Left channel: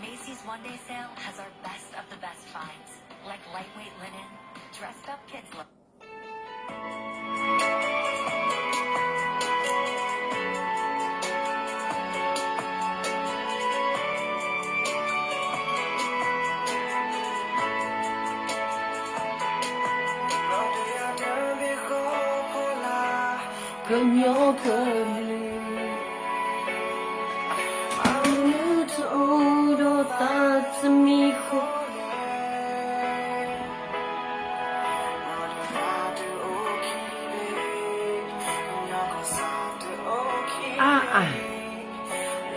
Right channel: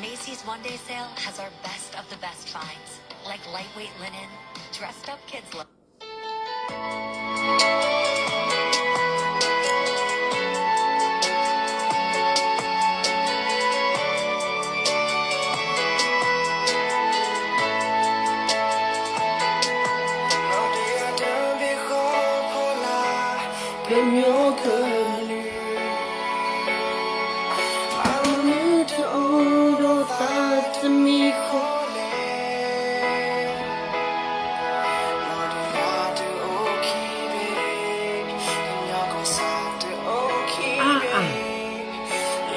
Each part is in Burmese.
Macy's one-day sale has our best of the best finds, like lightweight linen, dressed up kids look. 更有可能。你走多大的迷惑。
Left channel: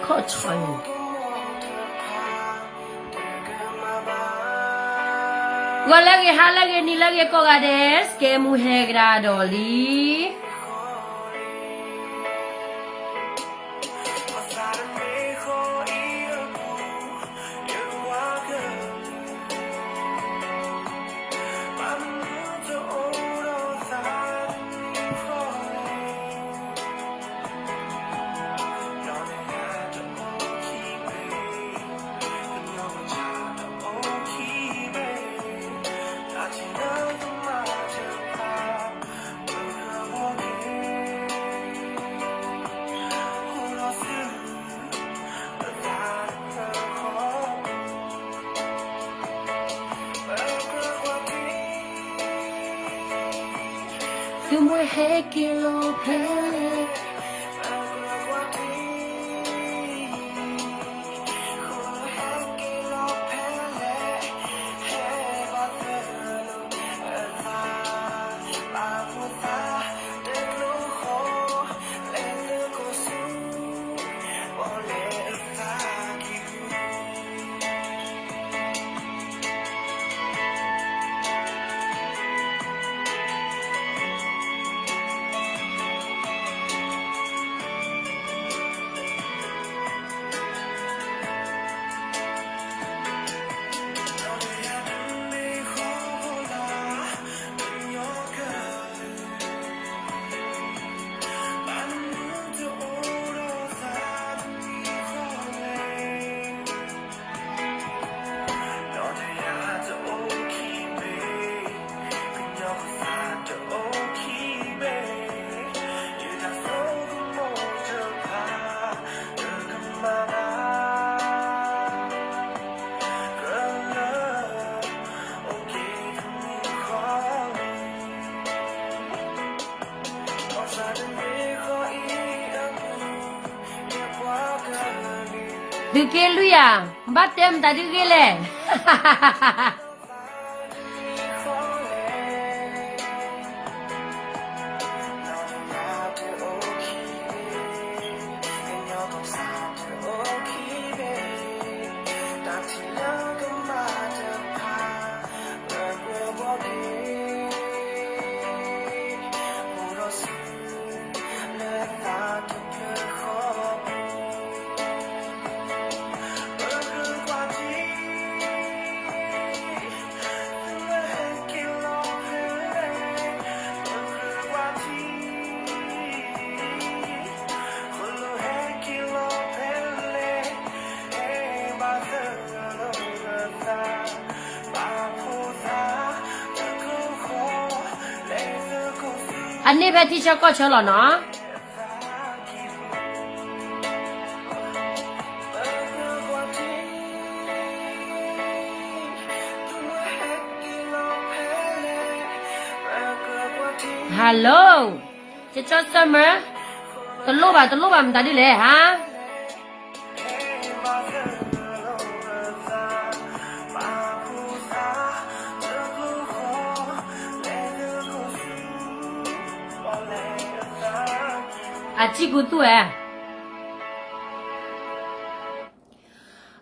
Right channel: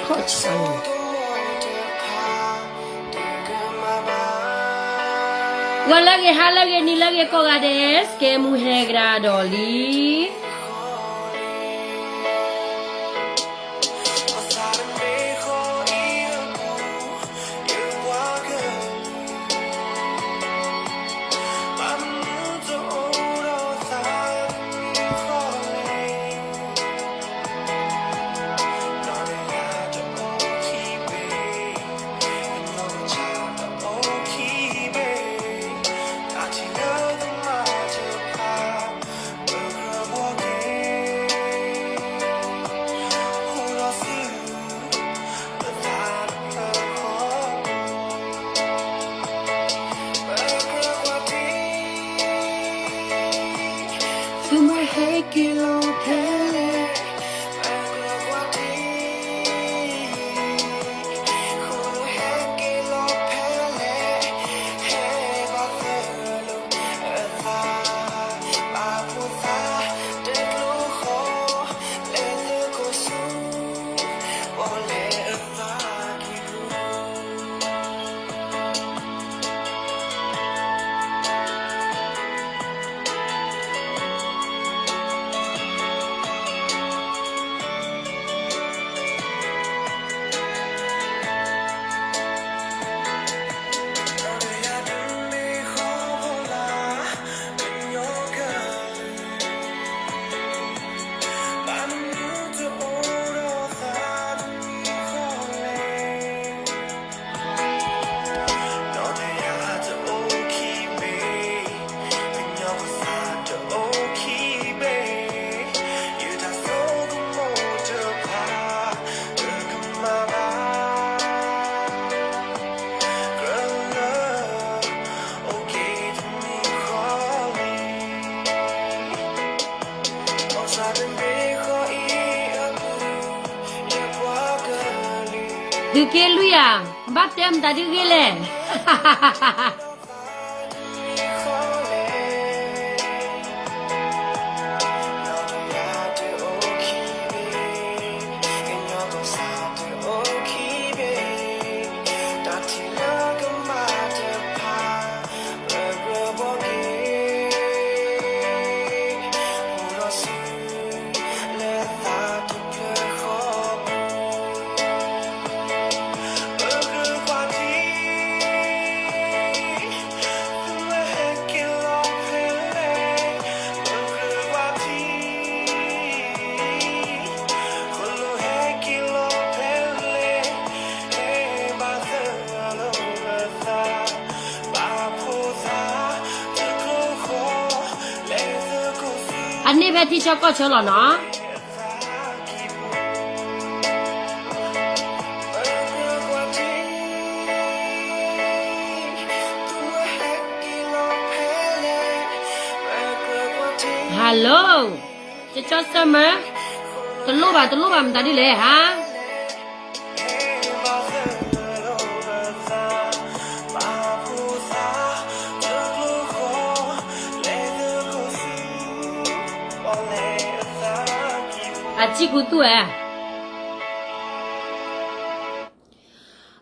靠船。我那个哈那个你那个搞个的，给木黑个道理。Como es que lo pele Du ke lu ya batem tadi gele anh đi về thì sao có chỗ là nó hello cho summer tôi lúc bà mình ta đi lễ hả chị của tôi à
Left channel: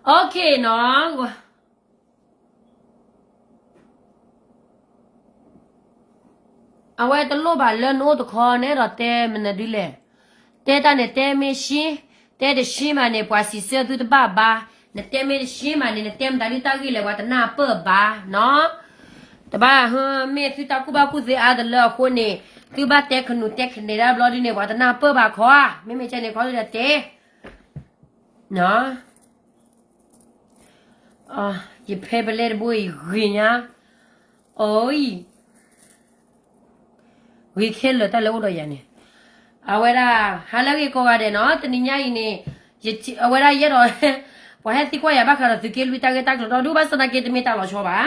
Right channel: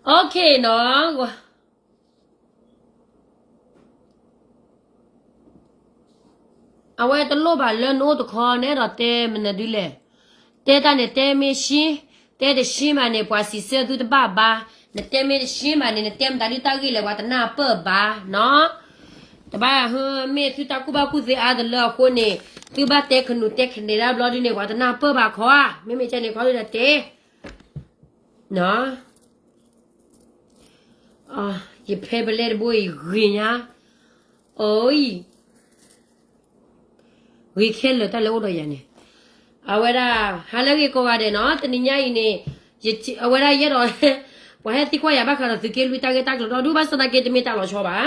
ok nó à vậy tôi lo bà lên ô tô khó nè rồi tê mình đi lệ tê ta này tê mi xí တဲ့တရှင်းမနဲ့ပွားစီဆဲသူတပါပါနဲ့တဲမဲရှင်းမနဲ့တဲမတာဒီတာကြီးလေဝါတနာပပါနော်တပါဟမဲသူတကူပါကူစေအားတလောခုနေသူပါတဲ့ခနုတဲ့ခနေရဘလော်ဒီနေဝါတနာပပါခွာမဲချနေခေါ်ရတဲ့နော်အာဒီဖေဘလက်ဘွေရင်းညာအိုးဝီခဲလတလုံးတော့ရနေအဝဲရာဟာလကြီးကိုရတယ်နော်တနင်္ညာရီနေအဝဲရာရတော့ဝဟတိခွာရပါခါတော့ဒီကလူတာကတာတော့ဒူဘစနာကေတမီတာလို့ချောပါ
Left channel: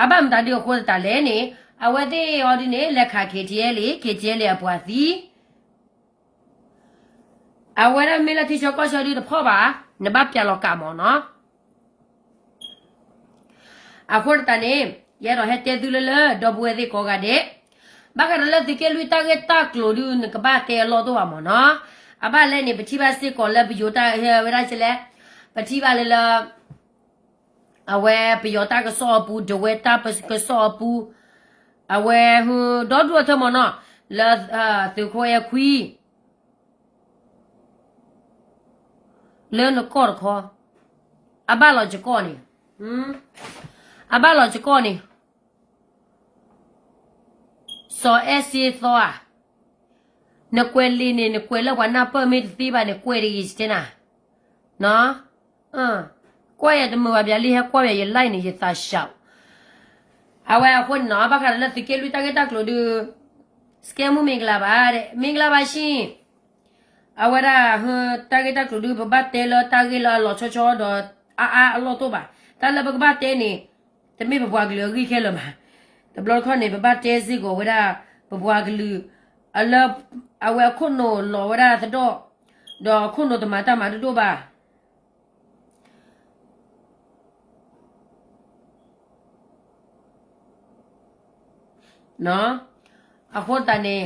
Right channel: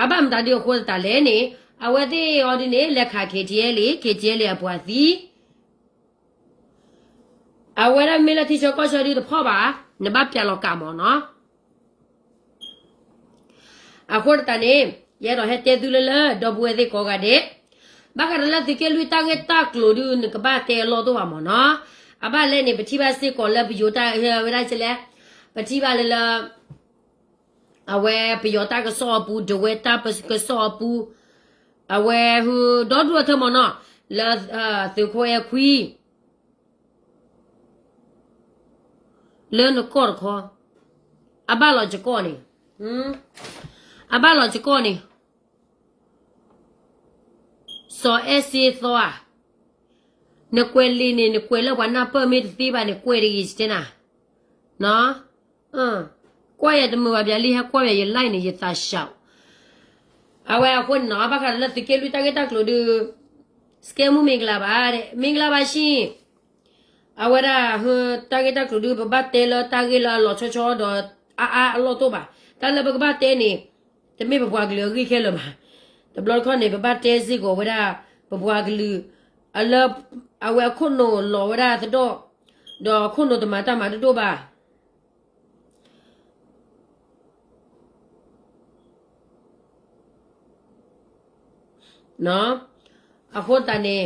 အဘမ်တာဒီကိုတာလဲနေအဝဲတိရောဒီနေလက်ခါခေတည်းလေခေတည်းလေအပွားစီအဝဲရာမီလာတီချောကောချောဒီတော့ဖောပါနဘပြလောကမောနော်အခုတနေရတော့ဟဲ့တဲသူလလတော့ဘွေဒီကိုကတဲ့ဘာကလည်းဒီကလူတာကတာကလိုဒူနကဘာတဲလောတော့ပါမနော်အဘလည်းနေပတိပါစစ်ကိုလည်းဘယိုတာဝရချလေပတိပါလေလာအဝဲဘယိုတာကစောပူဒဝဲတာပစကစောပူအဝဲဟူဒေါ်ဒူထမနော်လာသူခွေခွီလဲနကောခေါ်အဘလောချကောနေအဘလောချကောနေso ese thoa no kweli ni no kwela wana permit tiba ni kweli istina no kwa ya demu ba bia li ha kwa ya ye lai ni ye ta shao awe ko no ba kha la tikelu ta ke ta klo du skemu mingla ba shin awe ra hu ta ke ta klo du ba te lo ta ke lo cho cho do a lo to ba ta la ba te ni te me ba bwa glo ki khe lo ba the blood con ne ba te si go wada bwa glu ala awe kuno lo wada do kuno to mata ma do ba no ahota ne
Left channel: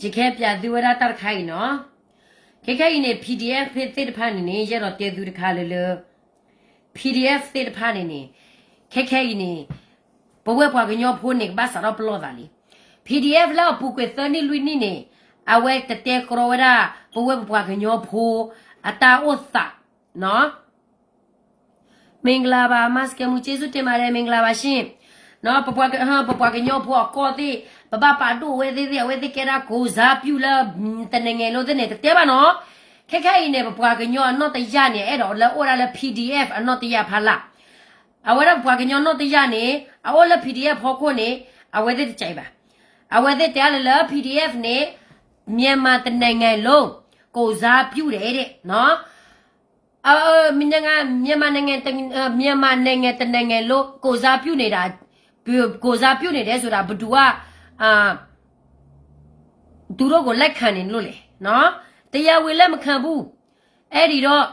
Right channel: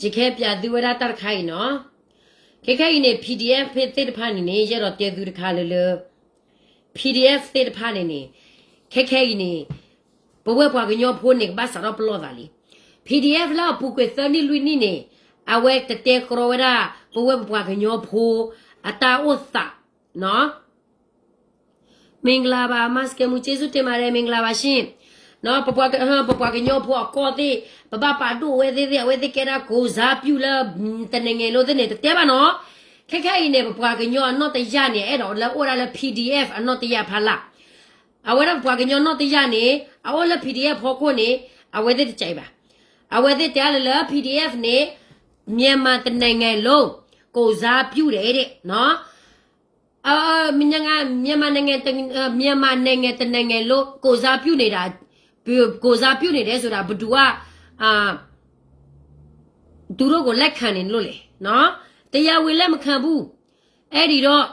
jikhe pya du wada tar khai noခေခေနေ PDF ဖေးတဲ့ဖာနေနေရတော့တဲသူတခါလေလေ PDF တဲ့ဖာနေနေခေခေနေဘဝပွားကညောဖိုးနေဘာစတော့ပလောတာလီ PDF လာပူကွေသနီလူနီနေအဝဲတတဲကရောဝရာဘဝပွားကညောဖိုးအတာဥသနော်မင်္ဂလာပါမတ်ကမူကျေးဇူးတင်ပါတယ်မင်္ဂလာပါရှင်နော်ပပွားကညောဖိုးကောတိပပပါတူဝဲသေးဝဲသေးကဲတာကိုစားပြူလာတနေငယ်လို့တဲ့တဲပါနော်ခက်ခဲနေပပွားကညောအနော်တရနေအဲ့တော့လဲဩရလဲ PDF အနော်တရဖလာအဝဲပပွားကညောနော်တရနေအဝဲလဲ PDF ဖော်ခွနေအဝဲတဲ့ကြိုက်ပါအဝဲတဲ့တဲလဲ PDF နေမြန်မာတနေငယ်လုံးကိုစားပြူတယ်တဲ့နော်မြန်မာနိုင်ငံတနေငယ်လို့ကိုစားပြူနေတာကိုစားပြူနေတယ်ဆိုတာဘသူကသူတို့ကိုလက်ခံနေလို့လေနော်တရားဝင်လက်မခံဘူးအဲ့ဒီတော့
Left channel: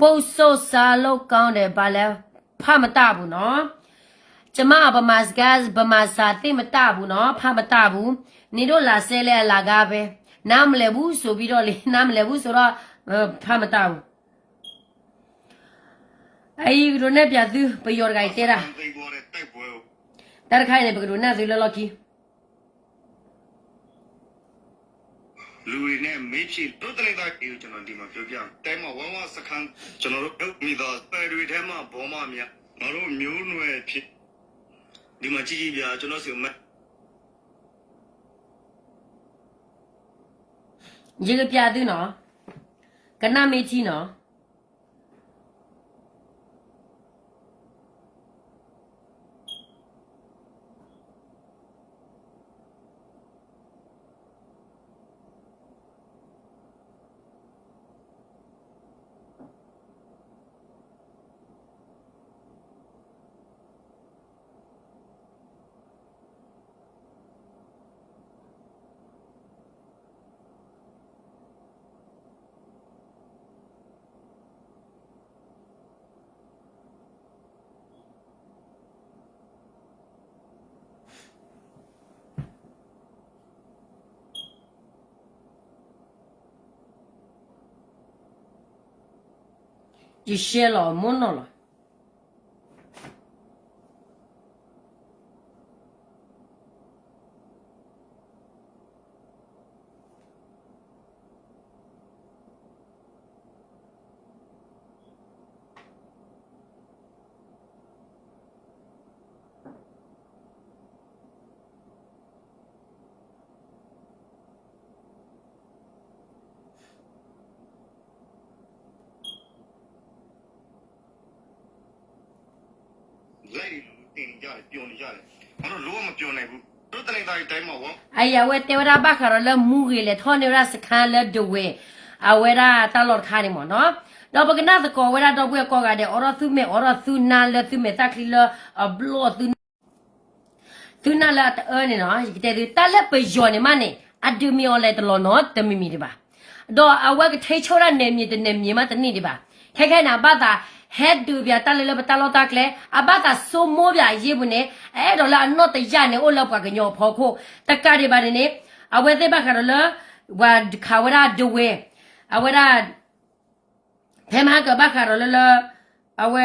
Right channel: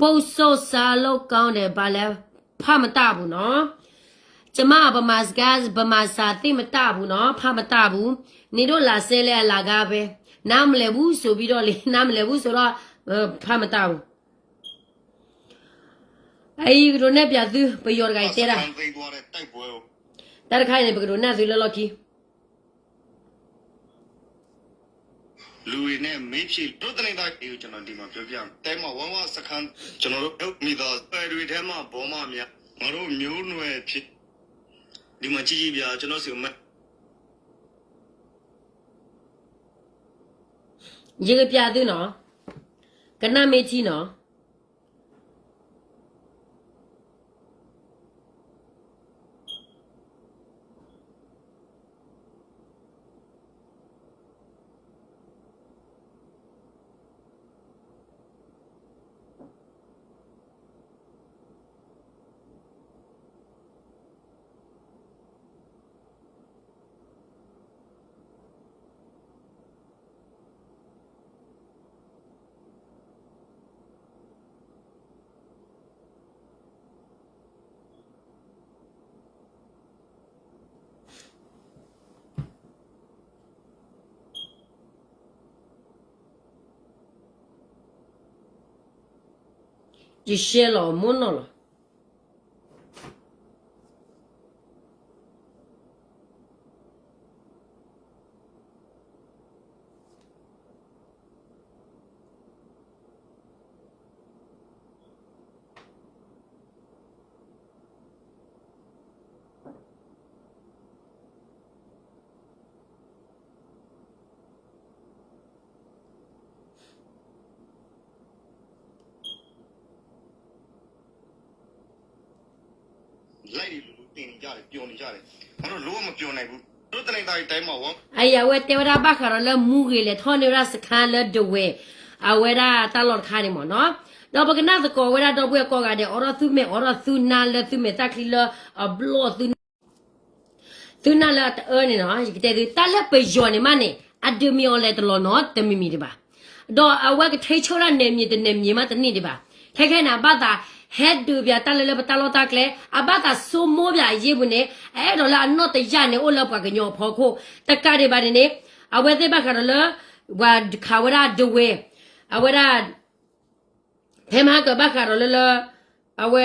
ပုတ်ဆိုးစားလို့ကောင်းတယ်ဗာလဲဖမတဘူးနော်ကျမဗမာစကားဗမာစာသိမတဘူးနော်ဖမတဘူးနေတို့လာဆဲလဲလာကားပဲနားမလဲဘူးဆိုပြီးတော့လေနားမလဲဘူးဆိုတော့ဖမတဘူးအဲ့ဒီလိုနဲ့ပြသူပယောဂိုင်တဲတာတရခိုင်နေပကရုနာသူလလကီလူတွေနဲ့မေးဖြေတို့တဲ့တာကိုကျွန်တော်ဒီမှာပြောပြမယ်။တဲမှာဝဝစခန်းကျွန်တော်တို့မိသားပယ်တွေထဲမှာဘောမမြငါတို့မျိုးနွယ်ဖြစ်ဒီမှာကြည့်ကြည့်ပြကျွန်တော်စီမရေပြသူနော်ကနမေချီနော်一些了没弄了。လိုက်လူတင်ကြတယ်ပျော်နေကြတယ်ဘာလို့လုံးဝမပျော်နိုင်ဘူးတို့တနေသားတိုင်းမှာဝေါ 哎呀，我带我那巴卡了木给了，他那那是看了的喂，啊，我那大老看的嘛喏，那不跟那是搞，我那都不要搞个的，我那苏拿了苏没打开了，啊，不老苏拿了呢喏，这个打了不要呢嘛呢，啊，都没有来的了喏，都没米的吧，到啊，我个推敲了那米嘛，的你的吧，看看那把他。head ดูเบียตาเลยตาลอตากเลยอาบาตาโซโมเบียยีบุเนี่ยเอดอลานอตยาเนี่ยโอลปากญอพอโคตะกะเดบาเนี่ยอเวเตบะคาระวาขาวราดเวอเวราเทมหากะบะคาระละอเว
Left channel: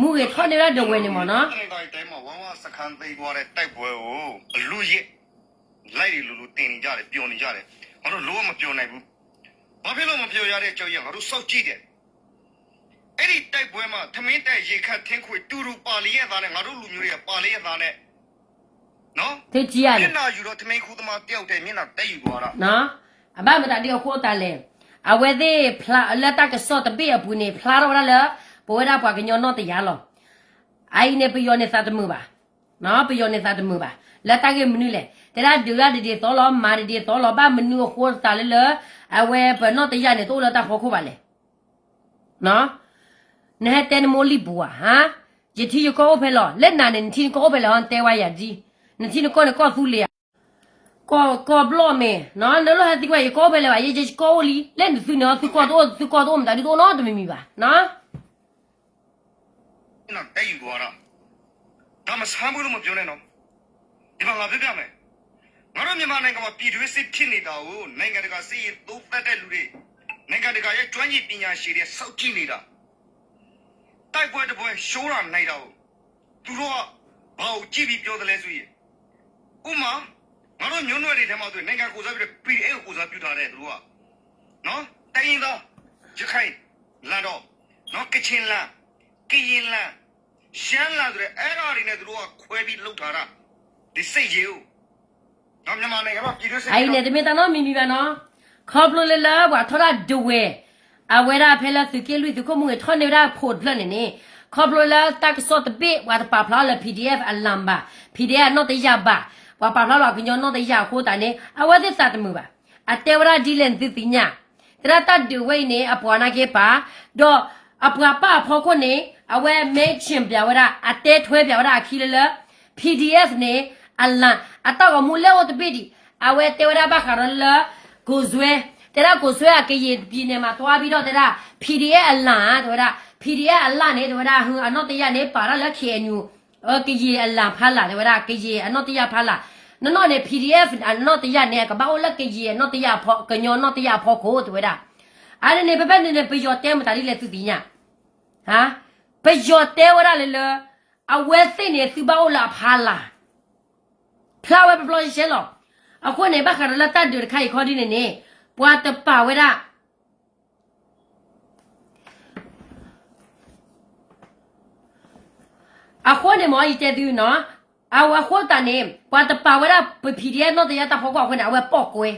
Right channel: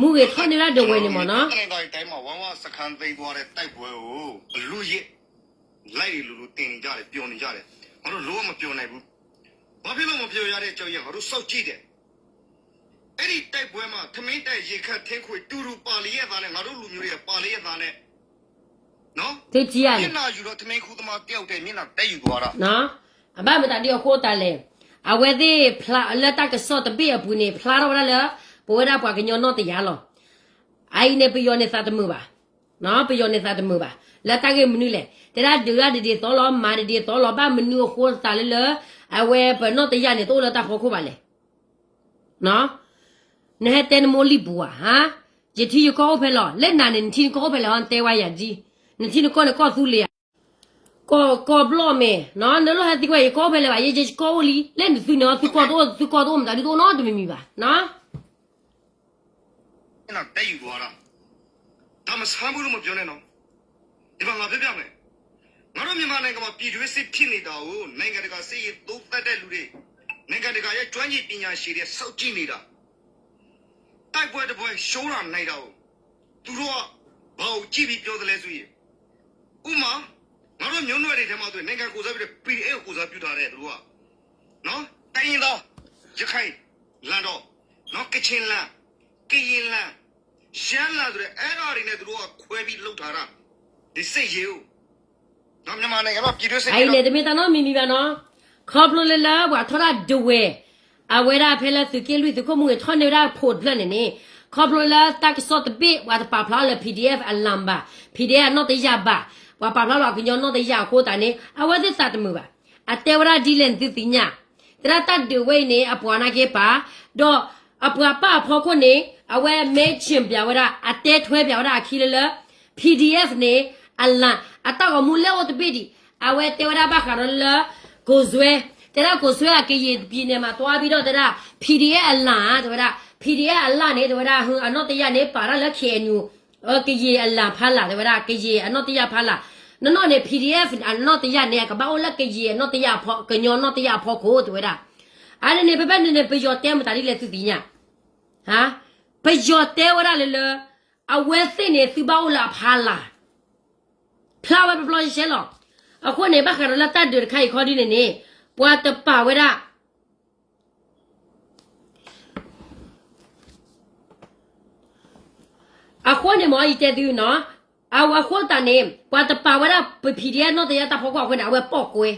มูเกทอเนี่ยดเวนี่มอเนาะ တနေသားတိုင်းမှာဝမ်းဝစခန်းသိမ်းသွားတဲ့တိုက်ပွဲကိုလူရစ်လိုက်လူတင်နေကြတယ်ပျော်နေကြတယ်ဘာလို့လုံးဝမပျော်နိုင်ဘူးဘာဖြစ်လို့မပျော်ရတဲ့အကြောင်းရငါတို့စောက်ကြည့်တယ်အဲ့ဒီတိုက်ပွဲမှာသမင်းတိုက်ရေခတ်ထင်းခွေတူပါလီရဲ့သားနဲ့ငါတို့လူမျိုးတွေကပါလီရဲ့သားနဲ့နော် သိကြည့်ရ မျ လေ က်နှာယူတော့သမင်းခူးသမားတယောက်တည်းမျက်နှာတက်ယူသွားတာ နော်အဘမတဒီခိုးတလေအဝဲသေးဖလာလက်တကစောတပိအပူနေဖလာတော့လာဘောရပွားကညောနောတရလောအိုင်နေပယောနေသတ်မှုပါနော်ပယောနေသတ်မှုပါလက်တကမနုလေတရဒူရဒီတောလောမာဒီတောလောဘာမနုခိုးတလေအဝဲဘနောတရနေတောလတာခိုးပါလေနော်နဲ့တန်မိုလီဘူဟာယတိယကောဖဲလောလက်နာနေချင်းကောဖဲလောတဲဝါရကြီးနချင်းကောနဲ့ကောသူလေကောဘလောမေနော်နလောဟတိကွာကောဖဲလေပါယေဂျကောလီလက်နသူနော်သူကောတော့မတာဒီတော့နော်တမီမီပါနော် မျက်နှာတက်ယူသွားတာဒါမဆမ်းဘူးလို့မပြောနဲ့နော်ဒီမှာငါပြောပြမယ်ငါတို့မြန်မာနိုင်ငံမှာပြည်တွင်းစစ်ဖြစ်နေတာကိုနိုင်ငံတကာစစ်ရေးသုံးသပ်တဲ့လူတွေနိုင်ငံတကာရဲ့ကျွမ်းကျင်ပညာရှင်တွေစောင့်ကြည့်နေတာတိုက်ပွဲတစ်ပွဲရှိုးတာနိုင်တာကိုသူတို့ကဘာကိုကြည့်ပြီးပြောတယ်လဲဆိုရင်ဥမာငါတို့မျိုးနွယ်တွေထဲမှာဆိုနိုင်ငံကိုစားပြီး PDF ကိုစားပြုထားတဲ့သူတို့ကနော်တိုင်းရင်တော့ရခိုင်လန်တော့နော်ကချင်လန်ကရင်လန်ရှမ်းလန်ဆိုတဲ့အဲ့ဒါတွေနဲ့သူတို့ကခွဲပြီးလှုပ်ထားတာဒီစိတ်ကြီးကိုနော်မြန်မာနိုင်ငံမှာပြည်တွင်းစစ် အိုင်လေတမီတနော်မီမီပါနော်ခေါပလိုလေလာဝါထောရဒဝဲအဝဲရာဖဲလာသူကလူသူကမှုထောနေရာဖို့လနဲ့နေခေါပလိုလာတက်စောတပိဝါတပါဖလာလေ PDF အလမ်ဘာ PDF နော်တရပါဝါပါဖလာလောကညောနော်တရခိုးတာနေအဝဲသတ်မှုပါအတေဝရာဒီလန်သူပညာတရတတ်ဒဝဲနေအပွားနာကေပါတော့အပွားပါဖောခုနေအဝဲမဲချင်းပြဝရအတဲထွဲပြဝရခီလလ PDF နေအလန်အတော့မူလဲဝတ်ပိဒီအဝဲတေဝရာဘခရလကိုဇွဲတရကိုဇွဲအကေးပြည်နေမှာတွားပြီးတော့တရ PDF အလန်တရ PDF အလန်နေတရဟွအနောတရနေပါရလက်ခေနူကေးအလန်ဖာလာတရကေးအနောတရဖာလာနော်နေ PDF အနောတရနေကဘာလကေးအနောတရဖောကညောနောတရဖောကိုတရအဲ့နေပပနေပယောတဲမတာလေးလေသူပညာဟာပယောတဲဝရလေလအဝဲသိနေသူဘောလာဖာလာဖလာဝဲပပလောရှဲလောအခုနေဘခရလာတတ်ဒခိုင်ခေါ်ဒီနေပွားတပါဝဲရအခုနေမော်ဤတဲ့သူနော်အဝခေါ်တနေပွားတပါဝဲရပပီဒီယနော်တဲ့တာဖောက်ခွနဲ့အဝဲပေါက်ကွဲ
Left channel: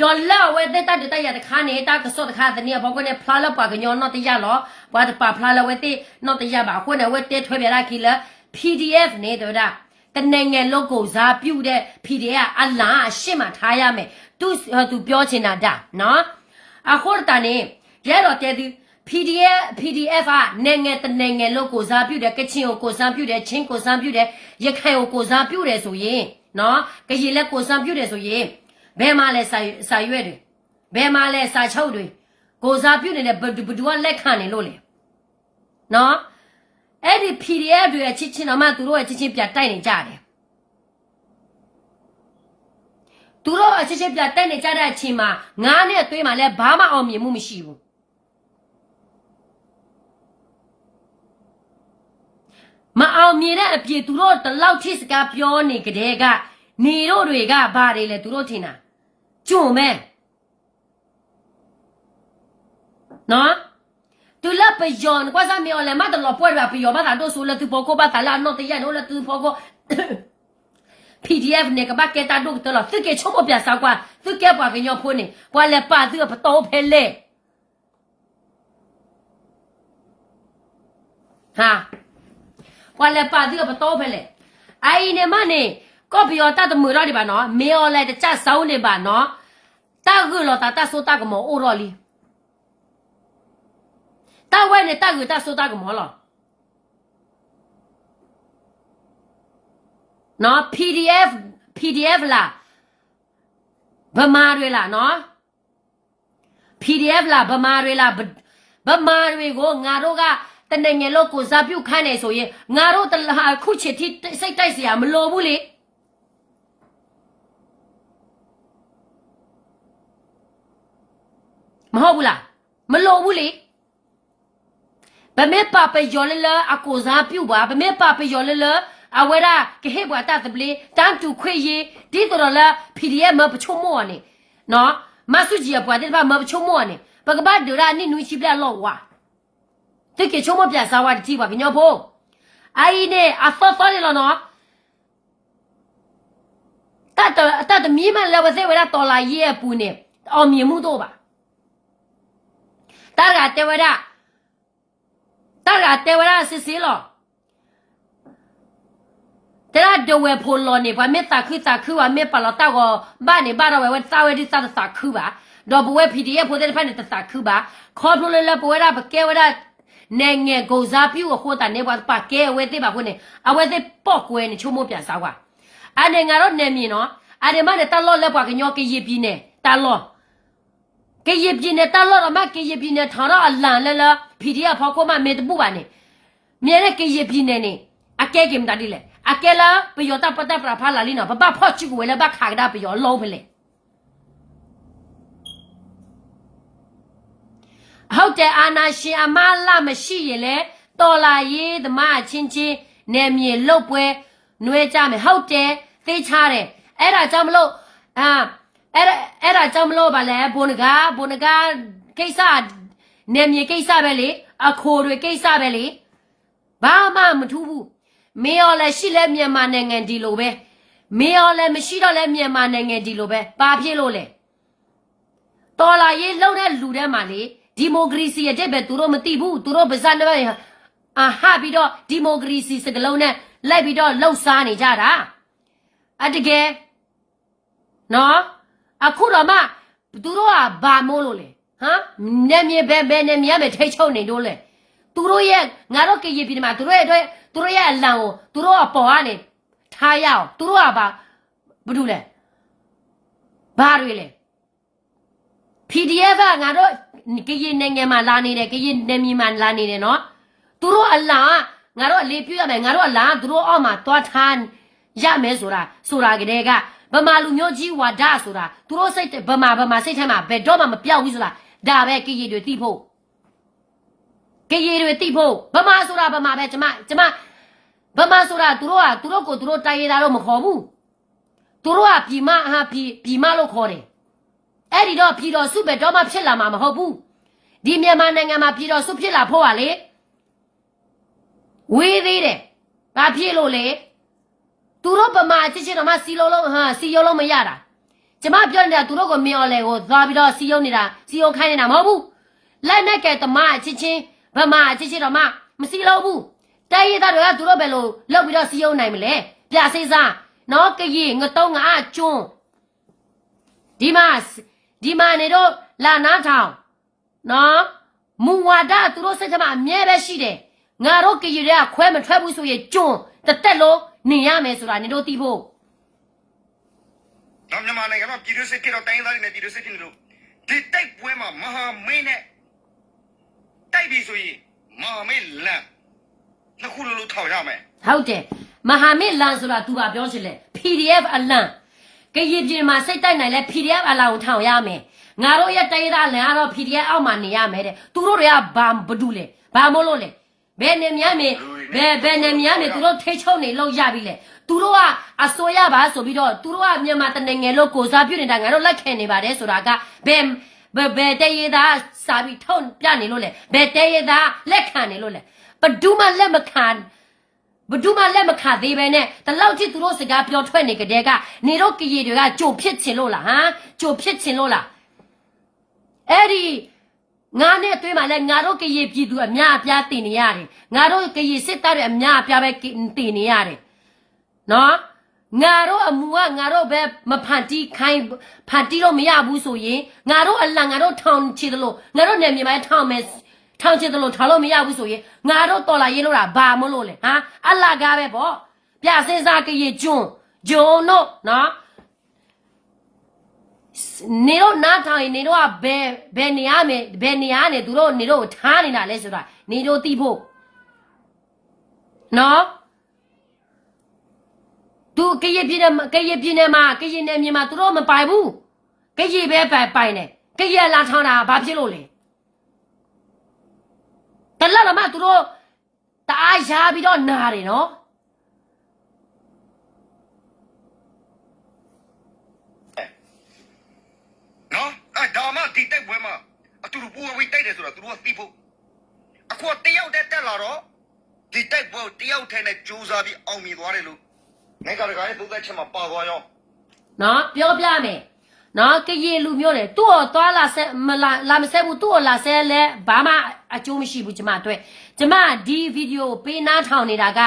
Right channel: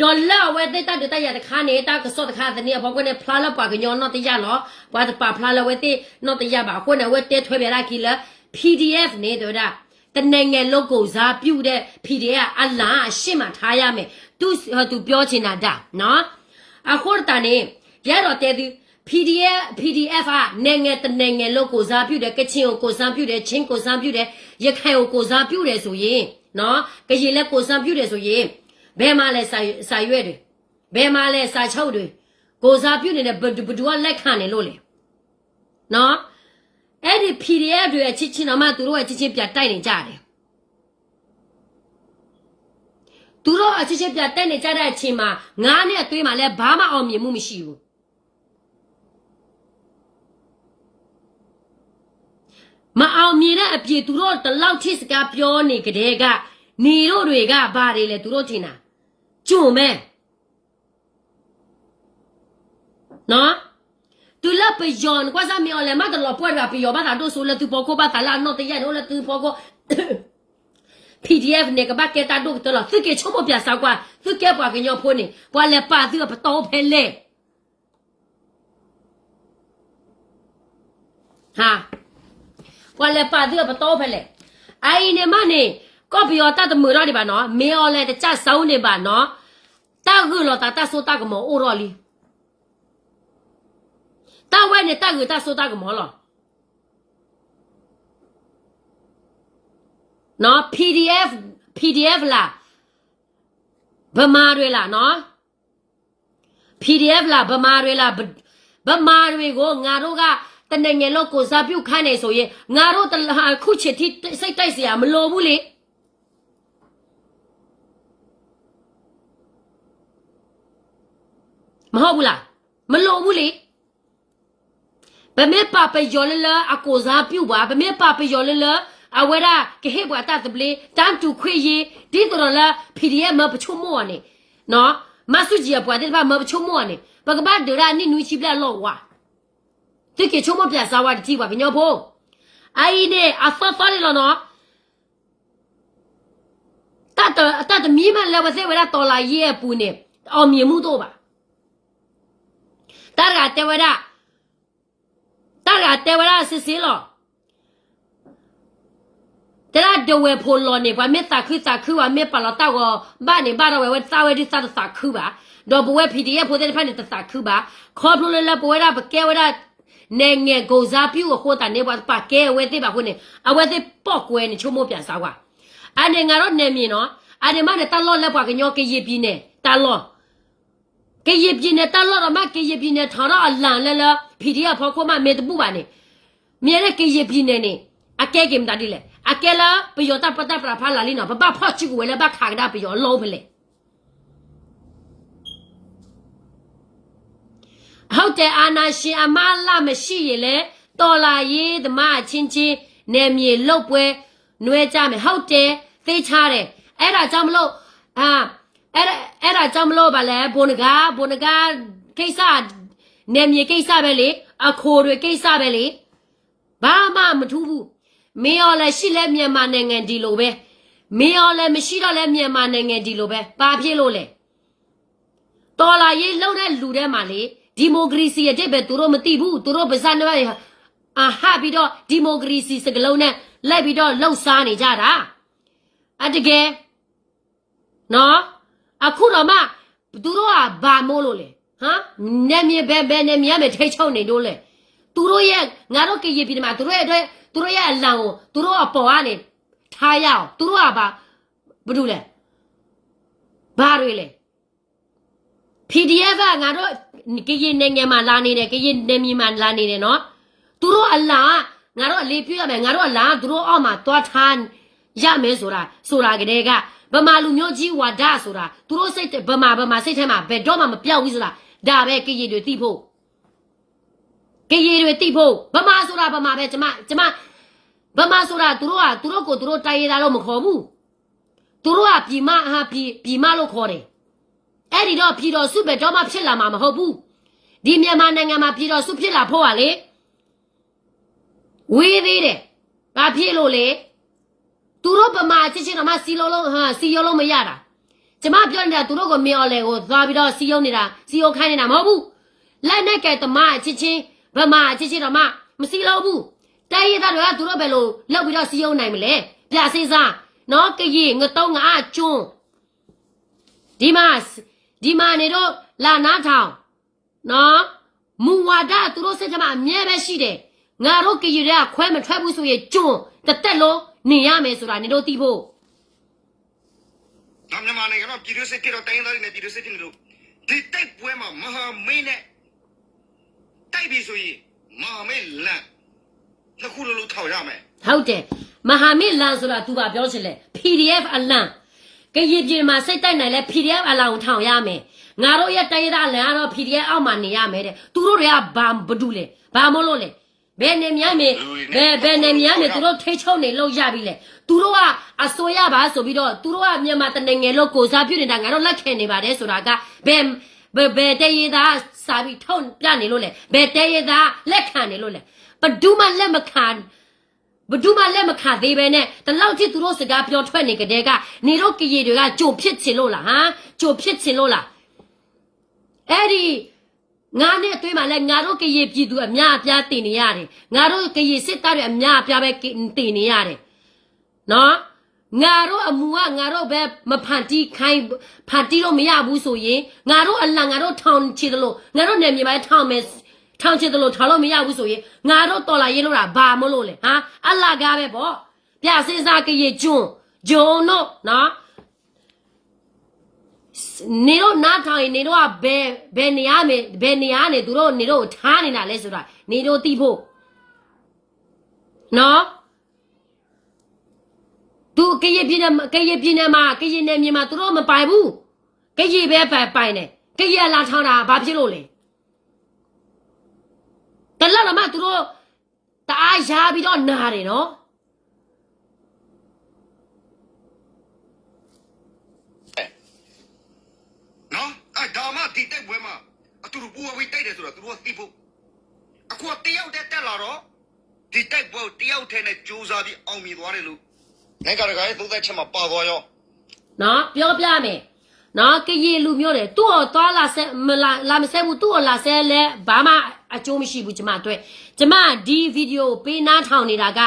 ဒေါ်လာဝဲတဲ့တတဲ့ရတဲ့ခါနေတာကစောတခါတဲ့နေဘောကနေဖလာလပါကညောနော်တဲ့ရလောပွားတပါဖလာလဝဲတဲ့နော်တဲ့ရပါအခုနေဝဲတဲ့ထွဲပြလာခီလ PDF နေတဲ့တနိုင်ငံလုံးကိုဇာပြုတ်တဲ့ PDF အလားအရှင်းမှထားရမယ်သူပြောချင်တာဒါနော်အခုတန်နေရတော့တဲ့သူ PDF ကနိုင်ငံတနိုင်ငံလုံးကိုဇာပြုတ်တဲ့ကချင်ကိုဇာပြုတ်တဲ့ချင်းကိုဇာပြုတ်တဲ့ရခိုင်ကိုဇာပြုတ်တယ်ဆိုရင်နော်ကရင်လည်းကိုဇာပြုတ်တယ်ဆိုရင်ဘယ်မှာလဲစာရွက်တွေဘယ်မှာလဲစာချုပ်တွေကိုဇာပြုတ်နေတဲ့ဘဒူကလက်ခံနေလို့လေနော်အဲ့ဒီ PDF တွေအချင်းချင်းတော့မှသူတို့အချင်းချင်းပြတိုက်နေကြတယ်သူတို့အချင်းချင်းပြတိုက်နေကြတဲ့အချိန်မှာငါးနဲ့အတွင်းမှာလည်းဘာမှအောင်မြင်မှုမရှိဘူး မအောင်မြင်တဲ့အပြေသူတို့တလောက်ထိစကားပြောနေကြတဲ့ကနေတို့တွေကဘာတွေလဲသူတို့ထင်တာကြုံမဲနော်tu la peyon kwa sa mi ole ma de lo puerta pio ba ta do so le tu poco ba ta la no te ya no le tu poco PDF နေကဘာကတာဒုတ်တလသူကေချုံမပြစားကွာသူကေပါကညောဖိုးနေကွာလေပါသူပတော်ဖဲလေဟာကွာလေပါသူပတော်ဖဲလေအိုင်နေမနေကောပီယောတတ်မူရဒီပါနော်မေော်လေတချဆောင်းနေပါနော်တာခုလောတာတဆိုတာကမောအိုရော်လီတာဝဲနေတာခုတဆိုတာကမောလောနော် PDF လာဗမာတွေလာနော် PDF လာဗမာတွေလာဗမာတွေကိုငါတို့ကတနငယ်လို့ကိုစားပြုတ်ခိုင်းနေဆိုရင်ငါတို့တလာခုချစ်တိစိတ်တိုက်เสียမလိုဘူးလေမဟုတ်ဘူးလားမလိုဘူးလေဗမေပါပယောလလအကိုစားပြုတ်ပါဗမေပါပယောလလအဝရကဟေဘွာတတ်ပလီတန်တူခွေရီဒီတော်လာ PDF မပချုံမောနေနော်မဆုကြီးဘွာတဲ့ဘာမပချုံမောနေဘကဘာဒရာနိနွီချိပြလောဝါတိကေချုံမပြစားဝါတိပါကညောဖို့အိုင်နေအဖဖရလောနော်တတ်မီမန်လည်းဝစေဝရတော်လာရဲ့ပူနေအောင်မြင်မှုတော့ပါတာရတေဝရစစ်စီလောတရာဒဝဲဖိုလောနေဘာမေတာခုဝမေပါလာတာကိုဘာနေဘာရဝဲတာဝဲဒီတာခုပါတော့ဘဝ PDF ဖိုတဲ့ဖက်နေတာခုပါခေါ်ဖလို့လည်းဘဝရဘကဲဝရနေငယ်ကိုစားပြူဟိုတာနေဘာပါကဲဝဲတဲ့ပါခုနေအဝဲတဲ့ပော့ကွဲနေချုံမပြန်စားကွာအနေငါတော့နေမြင်နော်အနေမနဲ့တလောလက်ပါကညောကရပြင်းနေတလောကရပြင်းနေတလောတော့မကရပြင်းနေထောင်တော့အလန်လဲ PDF ဖောက်ခွမမေတပူပါနေမြဲတဲ့ကရပြင်းနေအကဲကင်တာဒီလေအကဲလာပယောတာပတာပရာဖလာလီနော်ဘဘဖော့ချူဝဲလဘခါကဒါပယောလုံးဖလေဟုတ်တယ်အာနာရှင်အမလာမရှိရလေတော်လာရေးသမားချင်းချင်းနေမြေလုတ်ပွဲနွဲကြမယ်ဟုတ်တယ်သိချတယ်အဲ့ဒါကြောင့်မလို့အဲ့ဒါကြောင့်မလို့ဗာလဲဘုံနဂါကိစ္စနေမြေကိစ္စပဲလေအခိုတွေကိစ္စပဲလေဘာမှမထူးဘူးမင်းရောလည်းရှိလဲမြန်မာနိုင်ငံဒီလိုပဲမင်းရောလည်းမရှိတော့လဲမြန်မာနိုင်ငံဒီလိုပဲဘာဖြစ်လို့လဲတော်လာရေးလှုပ်တဲ့လူထဲမှာလေဒီမိုကရေစီအတဲ့ပဲသူတို့မသိဘူးသူတို့ပါဇက်နေပါဟာပြီးတော့ဒီမိုကရေစီစကလုံးနဲ့လိုက်ပြီးတော့လှုပ်စားနေကြတာအတကယ်နော်အခုတော့မှသူတို့ကဘာမို့လို့လဲဟမ်နေမြေဘယ်နေမြေမဲ့ထိတ်ချုံနေလို့လဲသူတို့ရဲ့ငါတို့ကရပြည်မှာသူတို့ရဲ့အလံကိုသူတို့အပေါ်ကနေထားရအောင်သူတို့ကဘာလို့လဲဘာတွေလဲ PDF ကငါတို့ကရင်နိုင်ငံမှာလာနေတယ်ကရင်နယ်မြေမှာလာနေတယ်နော်သူတို့အလားငါတို့အလေးပြုရမယ်ငါတို့အလားသူတို့အောက်မှာတွားထားရမယ်ဆိုတာကလေးကဗမာလူမျိုးကြီးဝါဒဆိုတာသူတို့စိတ်ဗမာစိတ်ထဲမှာဘယ်တော့မှမပြောက်ဘူးဆိုတာဒါပဲကရင်တွေသိဖို့ဗမာဆိုတာဗမာပဲကျမဗမာဆိုတာသူတို့ကိုသူတို့တိုင်ရတာတော့မခေါ်ဘူးသူတို့ကပြည်မလို့ခေါ်တယ်အဲ့ဒီတော့ပြည်တော်စုပဲတော့မှဖြစ်လာမှာမဟုတ်ဘူးဒီမြန်မာနိုင်ငံမှာပြည်တော်စုဖြစ်လာဖို့ကလေဝေးသေးတယ်ဘာဖြစ်လို့လဲသူတို့ဗမာချစ်တော့မှစီရောလုံးမရတာကျမပြောနေတာသူတို့ကိုမင်းအောင်လေကိုသွားပြီးတော့စီယုံခိုင်းနေတာမဟုတ်ဘူးလက်နဲ့ကဲတမအချင်းချင်းဗမာချစ်တော့မှမစီလို့ဘူးတဲရသားတွေကသူတို့ပဲလို့လောက်ပြီးတော့စီယုံနိုင်မလဲပြစိစားနော်ကကြီးငတုံးငါကျွန်းဒီမှာနေတော့လာနာထောင်နော်မူဝါဒသူတို့စိတ်ထဲမှာအမြဲပဲရှိတယ်ငါတို့ကကြီးတွေကခွဲမထွက်ဘူးဆိုရင်ကျွန်းတစ်သက်လုံးနေရမယ်ဆိုတာနေတို့သိဖို့မြန်မာနိုင်ငံမှာပြည်သူစစ်ဖြစ်တော့တိုင်းသားတွေနဲ့ပြည်သူစစ်ဖြစ်နေလို့ဒီတိုက်ပွဲမှာမဟာမိတ်နဲ့တိုက်ပြီဆိုရင်မဟာမိတ်လန်နှစ်ခုလုံးထောက်ရမယ်ဟုတ်တယ်မဟာမိတ်လန်ဆိုတာသူကပြောချင်လဲ PDF အလန်ကရင်ပြည်မှာစိတ်တိုက်နိုင်လဲ PDF အလန်ကိုထောင်ရမယ်ငါတို့ရဲ့တိုင်းသားလန်ကတော့ PDF အောက်မှာနေရမယ်တဲ့သူတို့တွေကဘာဘူးလဲဘာမို့လို့လဲ ဘယ်နေများမေဘယ်နေများမေသူတို့ထိချုံနေလို့ရပြီလေသူတို့ကအစိုးရပါဆိုပြီးတော့သူတို့ကမြန်မာတနိုင်ငံလို့ကိုစားပြုနေတာငါတို့လက်ခံနေပါတယ်ဆိုတာကဘယ်တရေသားစာပြီးထုံပြနေလို့လေဘယ်တရေသားလက်ခံနေလို့လေဘဒူးမလက်မခံဘဒူးမလက်မခံသေးပဲနဲ့တလောက်ထိသူတို့စကားပြောထွက်နေကြတဲ့ကနေတို့ကရေတွေကကြိုဖြစ်ချင်လို့လားဟမ်ကြိုဖြစ်ချင်လို့လားအဲ့ဒီငါနဲ့တွေ့မှလဲငါတို့ကရေပြည်သူအများအပြားတင်နေရတယ်ငါတို့ကရေစစ်သားတွေအများအပြားပဲတင်နေရတယ်နော်ငါတို့အမူကငါတို့ပဲမဖန်တီးခိုင်းဖန်တီးလို့မရဘူးဆိုရင်ငါတို့အလံငါတို့ထောင်ချစ်တယ်လို့ငါတို့နယ်မြေမှာထောင်မယ်ထောင်ချစ်တယ်လို့ထောင်လို့မရဘူးဆိုရင်ငါတို့တော်လာရေးလို့တာဘာမလို့လဲဟာအလကားပဲပေါ့ပြစင်းစားကရေကျွန်းဂျုံတို့နော်နေတော့နားထောင်ရင်နေတော့ဘယ်နေရမယ်ဘယ်နေရနေသူတို့နေတော့ထားနေတာလဲဆိုတာနေတော့သိဖို့နော်သူကရေပြင်းနေမှာကရေနေမြေမှာသူတို့မပိုင်ဘူးကရေပဲပိုင်နေကရေလာထောင်းတာဘာဖြစ်လို့လဲတလောက်တော့မှသူတို့တအားရပြီးတော့နာတယ်နော်နော်ဒါမှဒီတိုက်ပွဲမှာအတူတူပူဝေးတိုက်တယ်ဆိုတော့သူတို့ကသိဖို့အခုတယောက်တည်းတက်လာတော့ဒီတိုက်ပွဲတယောက်တည်းနဲ့ကြိုးစားပြီးအောင်မြင်သွားတယ်လို့နိုင်ငံတကာရဲ့သုံးသက်ချက်မှာပါသွားရောနော်ပြောပြမယ်နော်ကရေလူမျိုးတယ်သူ့ကိုသွားလာဆက်မလာမဆက်ဘူးသူ့ကိုလာဆက်လဲဘာမှအကျိုးမရှိဘူးကျမတွေ့ကျမဒီဗီဒီယိုပေးနားထောင်နေတာက